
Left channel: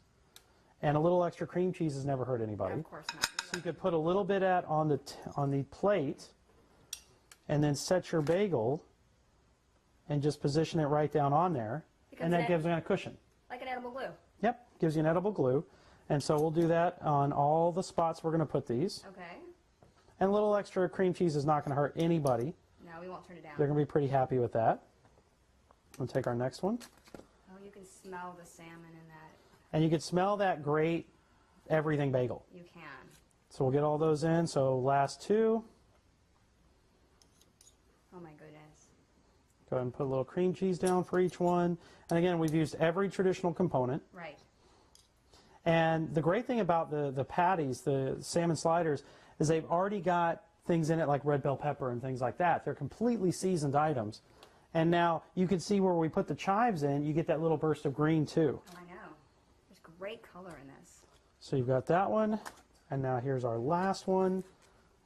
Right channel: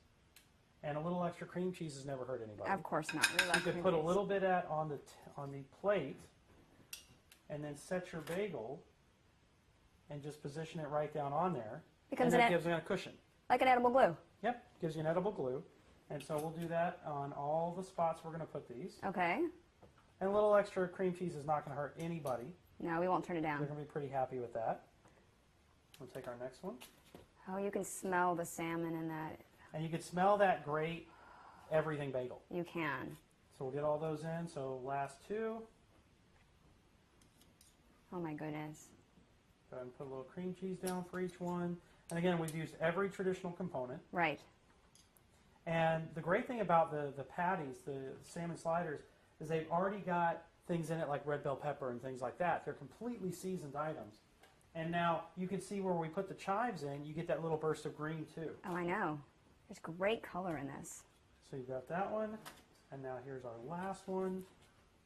and a little extra cream cheese has never hurt anybody. Of course not. We love You could cream put a cheese. little bit on the plate, and then set your bagel, and just position it right down on there, Becomes and an that gives you a cushion. Like an edible glue. Yep, gives you an edible glue. And so we'll do that on all the spots we're going to put these. Okay. And a little extra cream cheese is not going to hurt anybody. No, we won't turn it down. They're going to be pretty happy with that. We'll take our next one. Oh, you can smell the salmon in that. And you can smell that great everything bagel. You can. So we'll get all those in. So last two. Oh my goodness. Go ahead and put a little cream cheese down for each one. And again, we've used every traditional component. Right. And the great thing about the patties, the salmon sliders, is they've already got things in it like red bell pepper and things like that. They're completely seasoned items. And now you can see where we put the chives in, you get that little burst of green too. Oh, I know. There's great color in this. So you've got that one, and now here's our last one.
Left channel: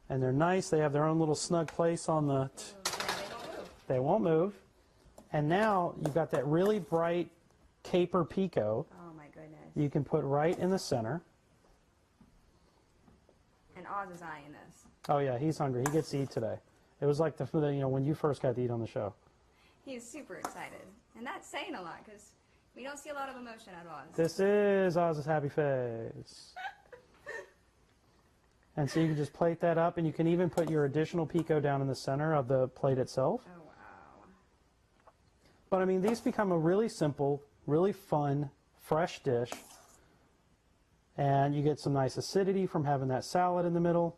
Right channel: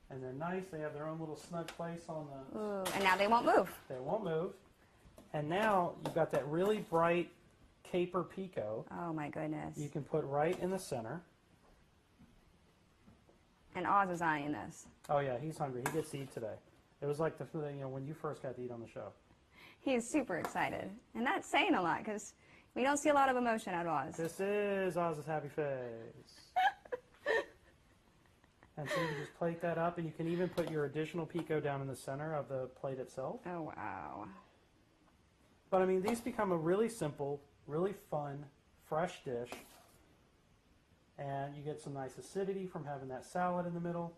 And they're nice. They have their own little snug place on the... Ooh, and now they won't move. They won't move. And now you've got that really bright caper pico. Oh my goodness. You can put right in the center. And Oz is eyeing this. Oh yeah, he's hungry. He gets to eat today. It was like when you first got to eat on the show. He's super excited. And that's saying a lot because we don't see a lot of emotion out of Oz. This is Oz's happy face. And so you can just plate that up, and you can even put your additional pico down in the center of the plate itself. Oh, wow. But I mean, these become a really simple, really fun, fresh dish. And you get some nice acidity from having that salad in the middle.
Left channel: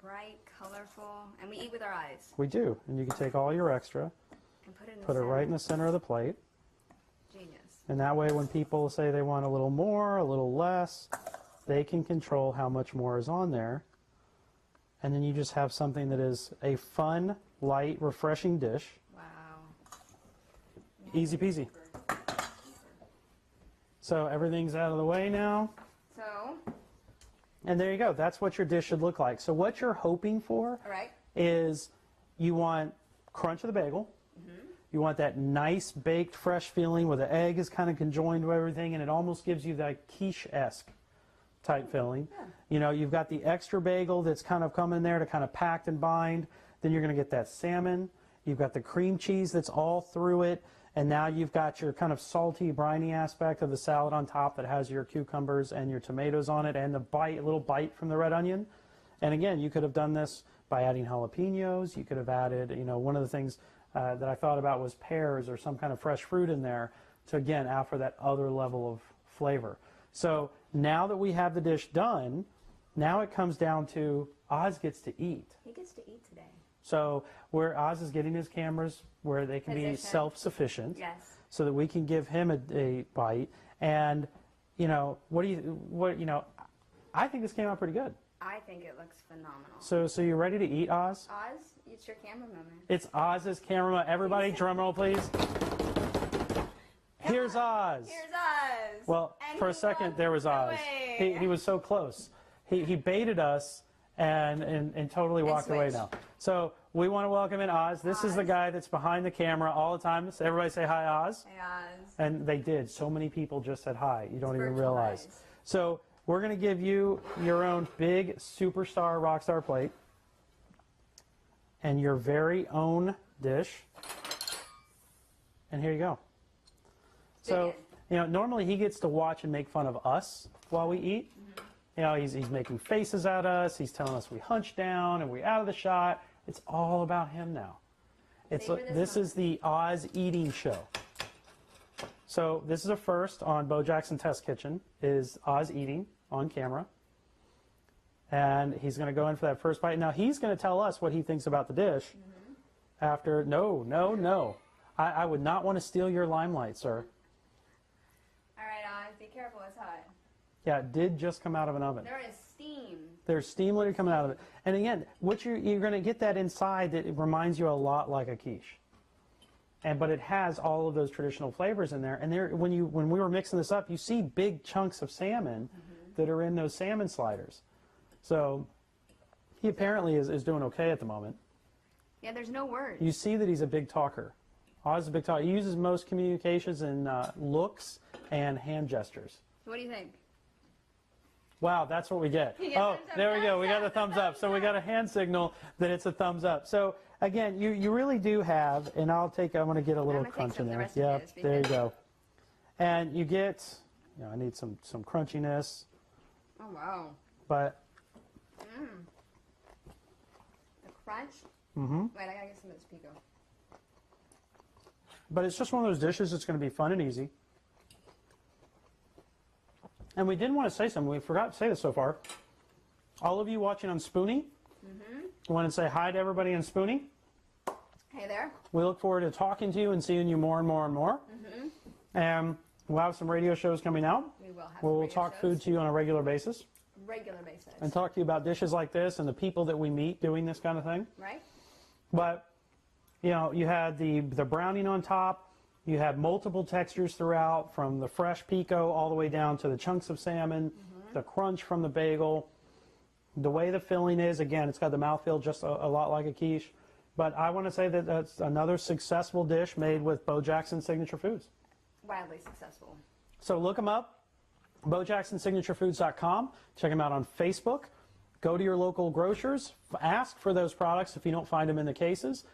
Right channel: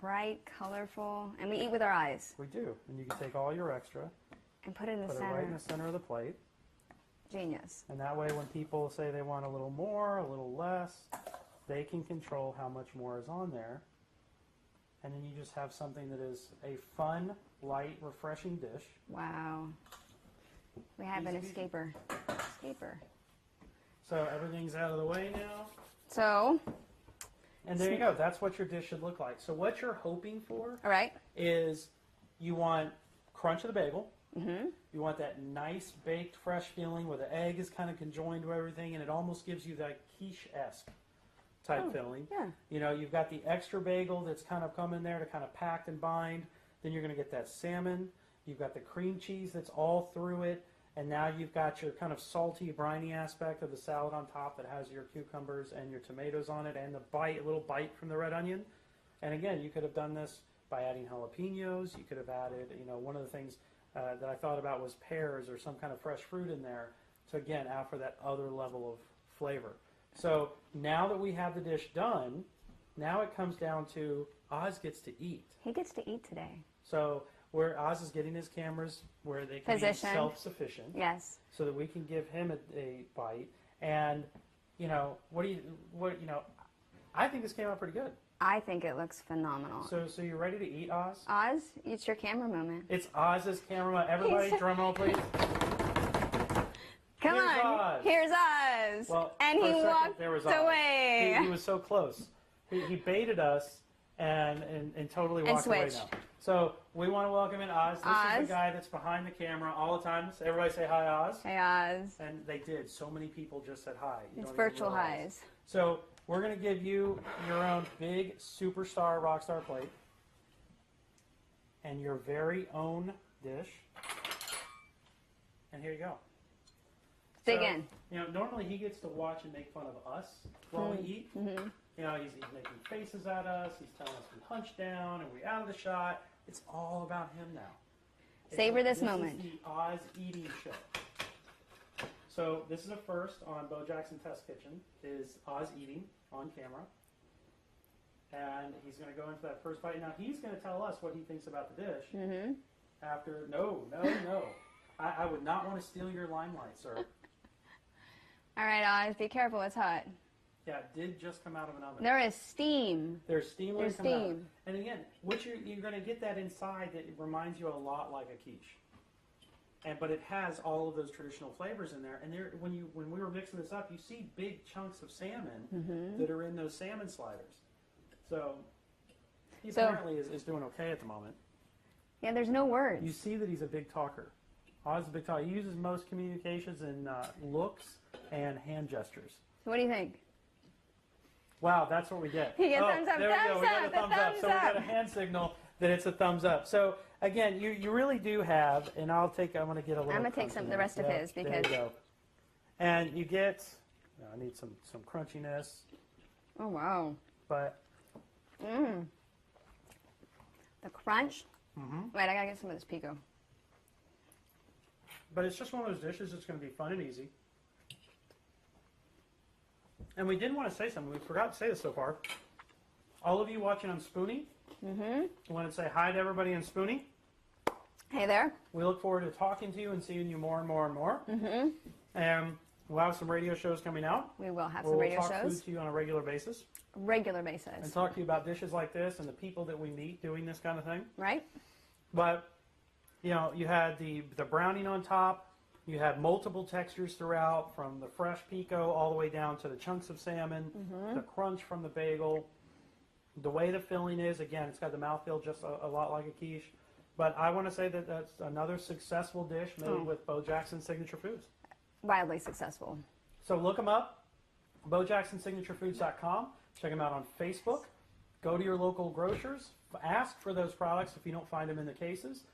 Bright, colorful, and we eat with our eyes. We do. And you can take all your extra, And put it in the put it center. right in the center of the plate. Genius. And that way when people say they want a little more, a little less, they can control how much more is on there. And then you just have something that is a fun, light, refreshing dish. Wow. We have Easy it in peasy. steeper. Steeper. So everything's out of the way now. So, And there you go. That's what your dish should look like. So what you're hoping for all right. is you want crunch of the bagel. You want that nice baked fresh feeling where the egg is kind of conjoined to everything, and it almost gives you that quiche-esque type feeling. yeah. You know, you've got the extra bagel that's kind of coming there to kind of pack and bind. Then you're going to get that salmon. You've got the cream cheese that's all through it. And now you've got your kind of salty, briny aspect of the salad on top that has your cucumbers and your tomatoes on it, and the little bite from the red onion. And again, you could have done this by adding jalapenos. You could have added, you know, one of the things that I thought about was pears or some kind of fresh fruit in there to, again, offer that other level of flavor. So now that we have the dish done, now it comes down to Oz gets to eat. He gets to eat today. So where Oz is getting his cameras where they can be Positioned. self-sufficient, Yes. so that we can give him a bite. And you know, I think this came out pretty good. I think it looks phenomenal. So you ready to eat, Oz? Oz, it's your camera moment. It's Oz's camera. Everybody, drum roll, please. Come Here's on. Oz. Here's Oz. Well, and for he a second walked there was Oz. away. He was so close. He baited us and totally walked away switched. now. So we want to welcome in Oz. This is the Oz. guy that's behind the camera all the time. So everybody say hi, Oz. Hey, Oz. And they did. So many people just said hi. You don't even virtual realize. highs. So we're going to give you your own big superstar rockstar plate and your very own dish. And here you go. Dig So, in. you know, normally he gets to watch and make fun of us while we eat. You know, he's making faces at us. He's telling us we hunch down and we're out of the shot. It's all about him now. Savor this This is moment. the Oz eating show. So this is a first on Bo Jackson Test Kitchen, is Oz eating on camera. And he's going to go in for that first bite. Now, he's going to tell us what he thinks about the dish after. No. I would not want to steal your limelight, sir. All right, Oz, be careful. It's hot. Yeah, it did just come out of an oven. There is steam. There's steam coming out of it. And again, what you're going to get that inside that it reminds you a lot like a quiche. But it has all of those traditional flavors in there. And when we were mixing this up, you see big chunks of salmon that are in those salmon sliders. So he apparently is doing okay at the moment. Yeah, there's no words. You see that he's a big talker. Oz is a big talker. He uses most communications in looks and hand gestures. What do you think? Wow, that's what we get. You get thumbs up, there we go. We got thumbs a thumbs up. So we got a hand signal that it's a thumbs up. So again, you really do have, and I'm going to get a little crunch in there. I'm going to take some of the rest of his. There you go. And you get, I need some crunchiness. Oh, wow. But. The crunch. Wait, I got to get some of this pico. But it's just one of those dishes that's going to be fun and easy. And we did want to say something. We forgot to say this so far. All of you watching on Spoonie, I want to say hi to everybody on Spoonie. Hey there. We look forward to talking to you and seeing you more and more and more. And we'll have some radio shows coming out. We will have some radio shows. We'll talk shows. food to you on a regular basis. And talk to you about dishes like this and the people that we meet doing this kind of thing. Right. But, you had the browning on top. You had multiple textures throughout, from the fresh pico all the way down to the chunks of salmon, the crunch from the bagel. The way the filling is, again, it's got the mouthfeel just a lot like a quiche. But I want to say that that's another successful dish made with Bo Jackson's Signature Foods. Wildly successful. So look them up, BoJacksonSignatureFoods.com. Check them out on Facebook. Go to your local grocers. Ask for those products if you don't find them in the cases.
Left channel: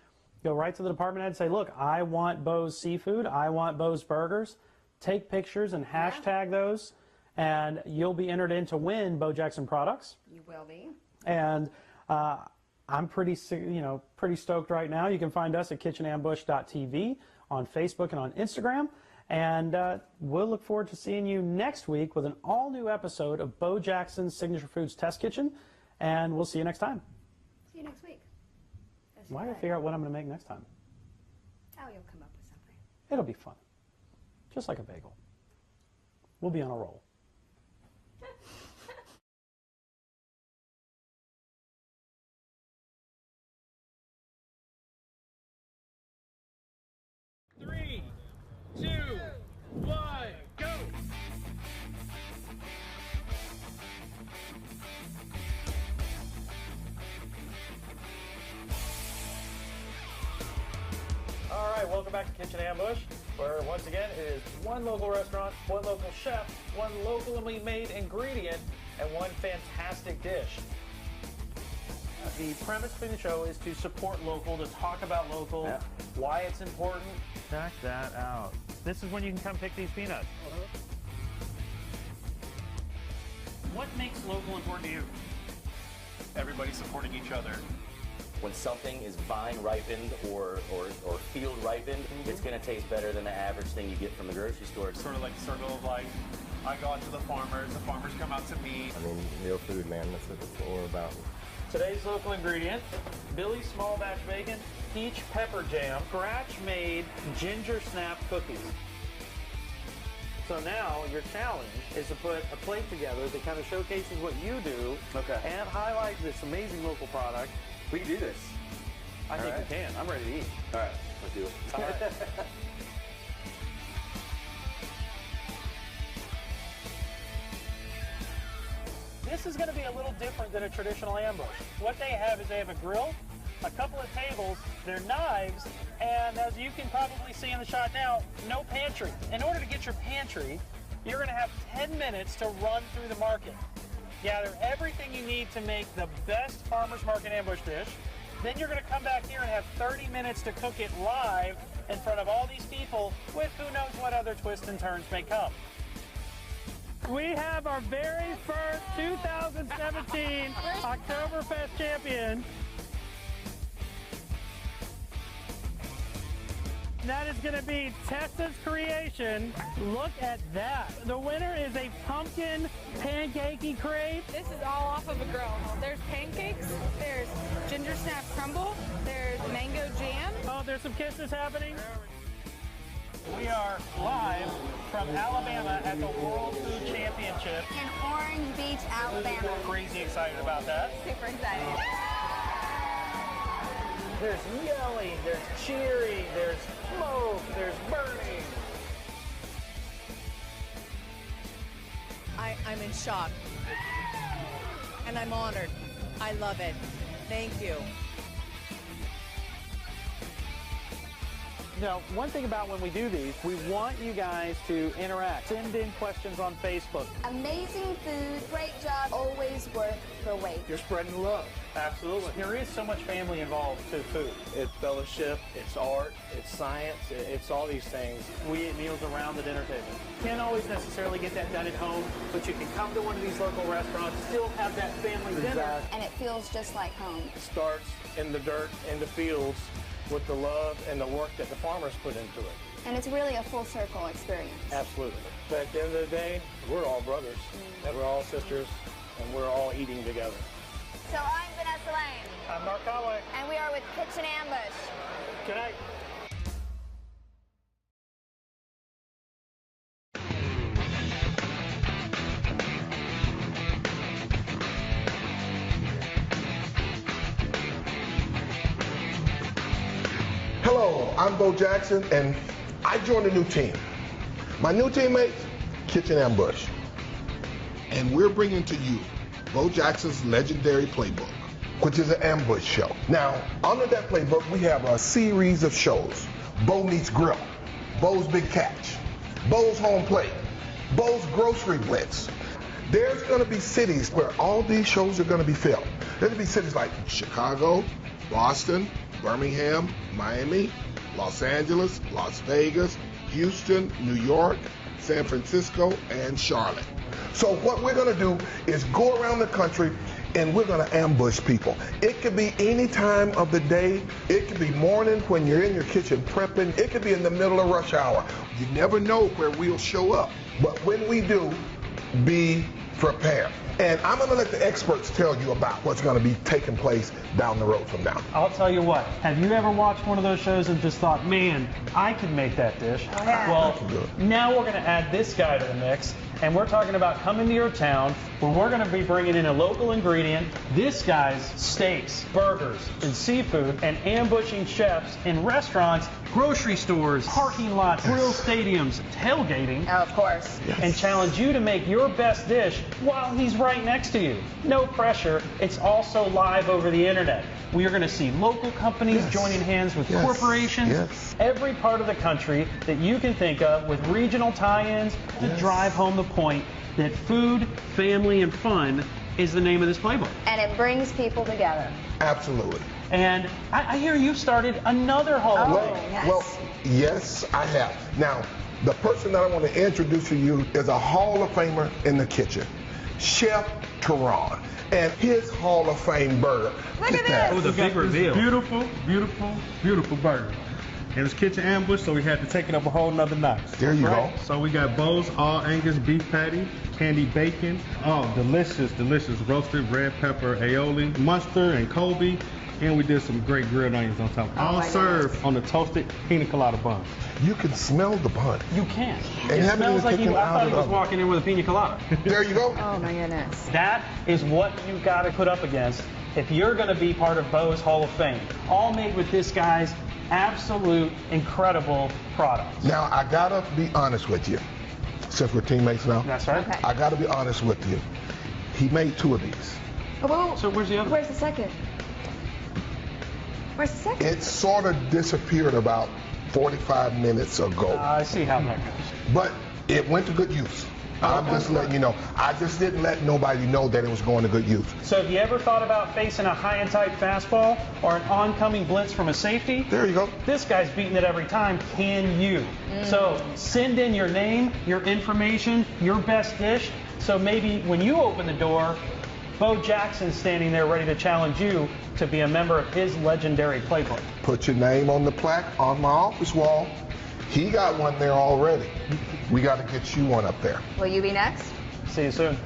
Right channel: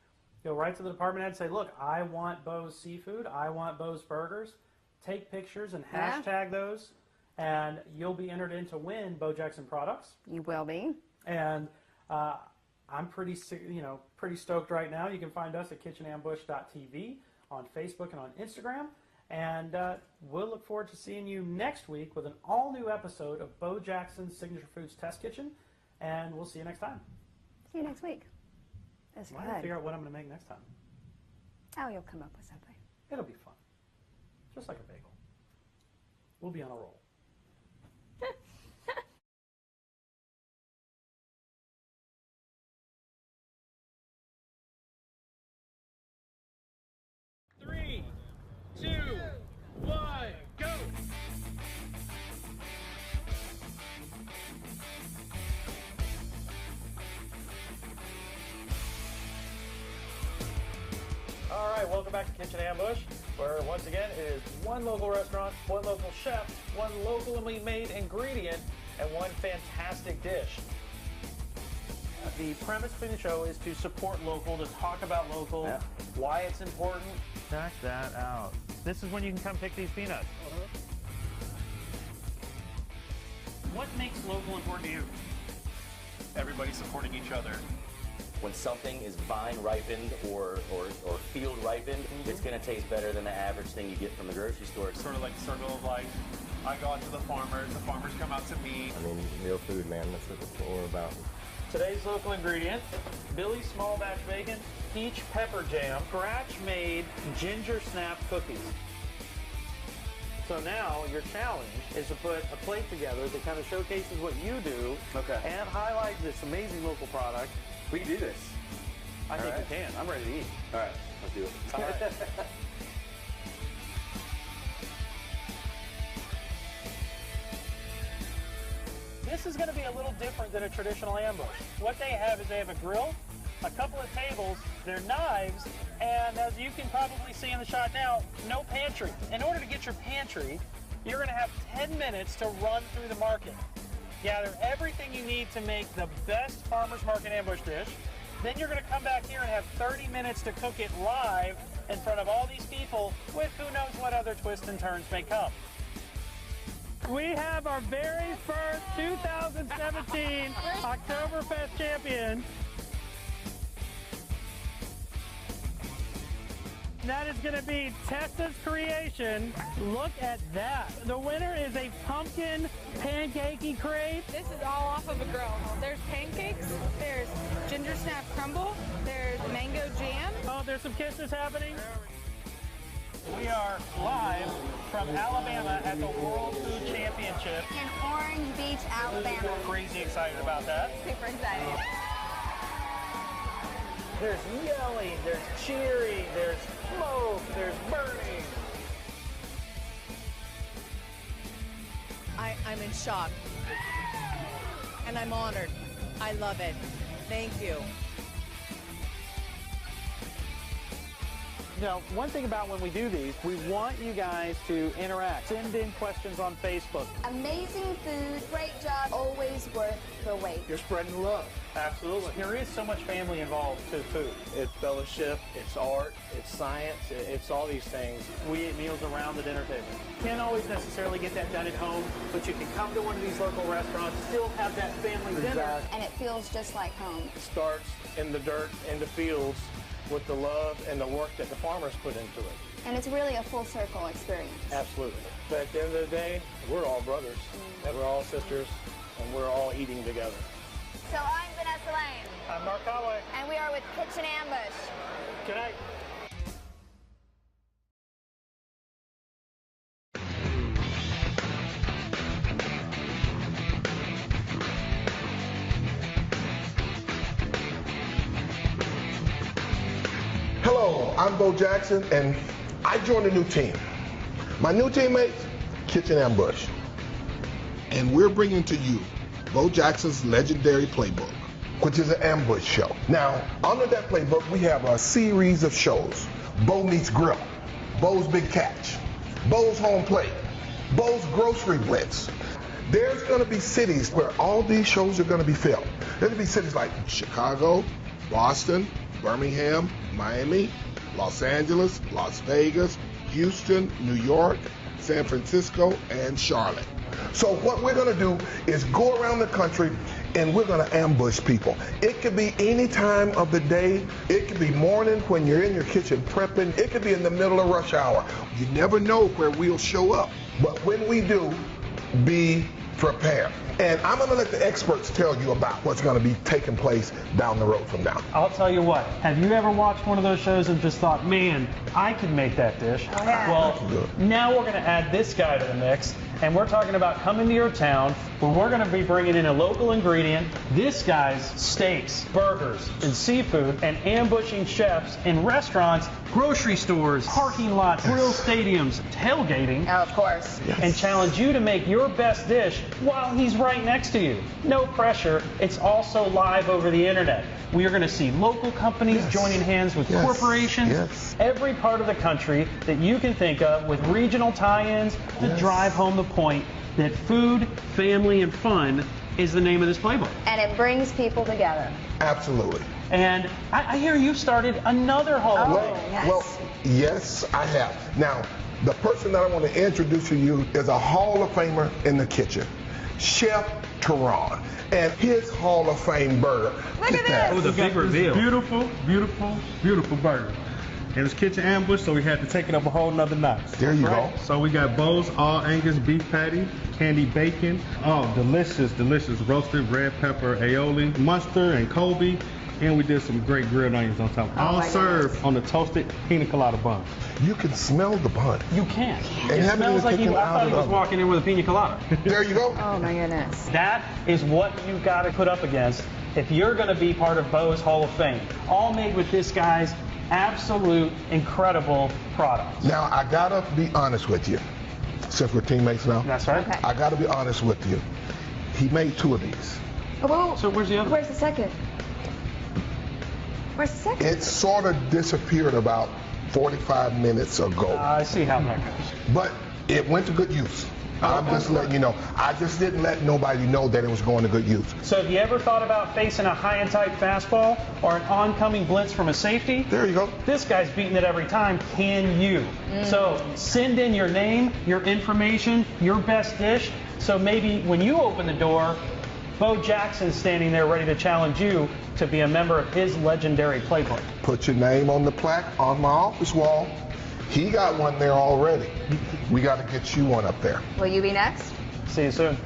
Go right to the department head and say, look, I want Bo's Seafood. I want Bo's Burgers. Take pictures and hashtag those, and you'll be entered in to win Bo Jackson products. You will be. And I'm pretty stoked right now. You can find us at kitchenambush.tv on Facebook and on Instagram. And we'll look forward to seeing you next week with an all-new episode of Bo Jackson's Signature Foods Test Kitchen. And we'll see you next time. See you next week. Why don't I figure out what I'm going to make next time? Oh, you'll come up with something. It'll be fun. Just like a bagel. We'll be on a roll. Three, 2, 1, go! All right, welcome back to Kitchen Ambush, where once again it is one local restaurant, one local chef, one locally made ingredient, and one fantastic dish. The premise for the show is to support local, to talk about local, why it's important. Check that out. This is when you can come pick these peanuts. What makes local important to you? Everybody supporting each other. When something is vine ripened or field ripened, it's going to taste better than the average thing you get from the grocery store. It's sort of like the circle of life. I go out to the farmers come out to me. I mean, real food, man. That's what we're about. Today's local ingredient, Billy's Small Batch Bacon, Peach Pepper Jam, scratch-made ginger snap cookies. So now your challenge is to put a plate together that kind of showcases what you do and highlights this amazing local product. We can do this. I think we can. I'm ready to eat. All right, let's do it. All right. This is going to be a little different than a traditional ambush. What they have is they have a grill, a couple of tables, their knives, and as you can probably see in the shot now, no pantry. In order to get your pantry, you're going to have 10 minutes to run through the market. Gather everything you need to make the best farmer's market ambush dish. Then you're going to come back here and have 30 minutes to cook it live in front of all these people with who knows what other twists and turns may come. We have our very first 2017 Oktoberfest champion. That is going to be Tessa's creation. Look at that. The winner is a pumpkin pancakey crepe. This is all off of a grill. There's pancakes, there's ginger snap crumble, there's mango jam. Oh, there's some kisses happening. We are live from Alabama at the World Food Championship. In Orange Beach, Alabama. Crazy excited about that. Super excited. There's yelling, there's cheering, there's smoke, there's burning. I'm in shock. And I'm honored. I love it. Thank you. Now, one thing about when we do these, we want you guys to interact. Send in questions on Facebook. Amazing food, great job, always worth the wait. You're spreading love. Absolutely. There is so much family involved to food. It's fellowship, it's art, it's science, it's all these things. We eat meals around the dinner table. Can't always necessarily get that done at home, but you can come to one of these local restaurants, still have that family dinner. And it feels just like home. It starts in the dirt, in the fields, with the love and the work that the farmers put into it. And it's really a full circle experience. Absolutely. But at the end of the day, we're all brothers, and we're all sisters, and we're all eating together. So I'm Vanessa Lane. I'm Mark Conway. And we are with Kitchen Ambush. Good night. Hello, I'm Bo Jackson, and I joined a new team. My new teammates, Kitchen Ambush. And we're bringing to you Bo Jackson's legendary playbook, which is an ambush show. Now, under that playbook, we have a series of shows. Bo Meets Grill, Bo's Big Catch, Bo's Home Plate, Bo's Grocery Blitz. There's going to be cities where all these shows are going to be filmed. There'll be cities like Chicago, Boston, Birmingham, Miami, Los Angeles, Las Vegas, Houston, New York, San Francisco, and Charlotte. So what we're going to do is go around the country and we're going to ambush people. It could be any time of the day. It could be morning when you're in your kitchen prepping. It could be in the middle of rush hour. You never know where we'll show up. But when we do, be prepared. And I'm going to let the experts tell you about what's going to be taking place down the road from now. I'll tell you what, have you ever watched one of those shows and just thought, man, I could make that dish? Oh, yeah. Well, now we're going to add this guy to the mix, and we're talking about coming to your town where we're going to be bringing in a local ingredient. This guy's steaks, burgers, and seafood, and ambushing chefs in restaurants, grocery stores, parking lots, grill stadiums, tailgating. Oh, of course. Yes. And challenge you to make your best dish while he's right next to you. No pressure. It's also live over the internet. We are going to see local companies joining hands with corporations. Every part of the country that you can think of with regional tie-ins to drive home the point that food, family, and fun is the name of this playbook. And it brings people together. Absolutely. And I hear you started another Hall of Fame. Yes. Well, yes, I have. Now, the person that I want to introduce to you is a Hall of Famer in the kitchen, Chef Teron, and his Hall of Fame burger. Look at this. It was a big reveal. Beautiful, beautiful, beautiful burger. It was Kitchen Ambush, so we had to take it up a whole nother notch. There you go. So we got Bo's All Angus Beef Patty, candied bacon, delicious, delicious roasted red pepper aioli, mustard and Kobe, and we did some great grilled onions on top. All served on the toasted pina colada bun. You can smell the bun. You can. And It haven't smells even like taken you. it I out thought of he the was oven. walking in with a pina colada. There you go. Oh my goodness. That is what you got to put up against if you're going to be part of Bo's Hall of Fame. All made with this guy's absolute incredible products. Now, I gotta be honest with you, since we're teammates now. That's right. Okay. I gotta be honest with you. He made 2 of these. Oh, whoa. So where's the other? Where's the second? Where's the second? It sort of disappeared about 45 minutes ago, I see how that goes. but it went to good use. I'm just letting you know. I just didn't let nobody know that it was going to good use. So have you ever thought about facing a high and tight fastball or an oncoming blitz from a safety? There you go. This guy's beating it every time. Can you? So send in your name, your information, your best dish. So maybe when you open the door, Bo Jackson's standing there ready to challenge you to be a member of his legendary playbook. Put your name on the plaque on my office wall. He got one there already. We got to get you one up there. Will you be next? See you soon.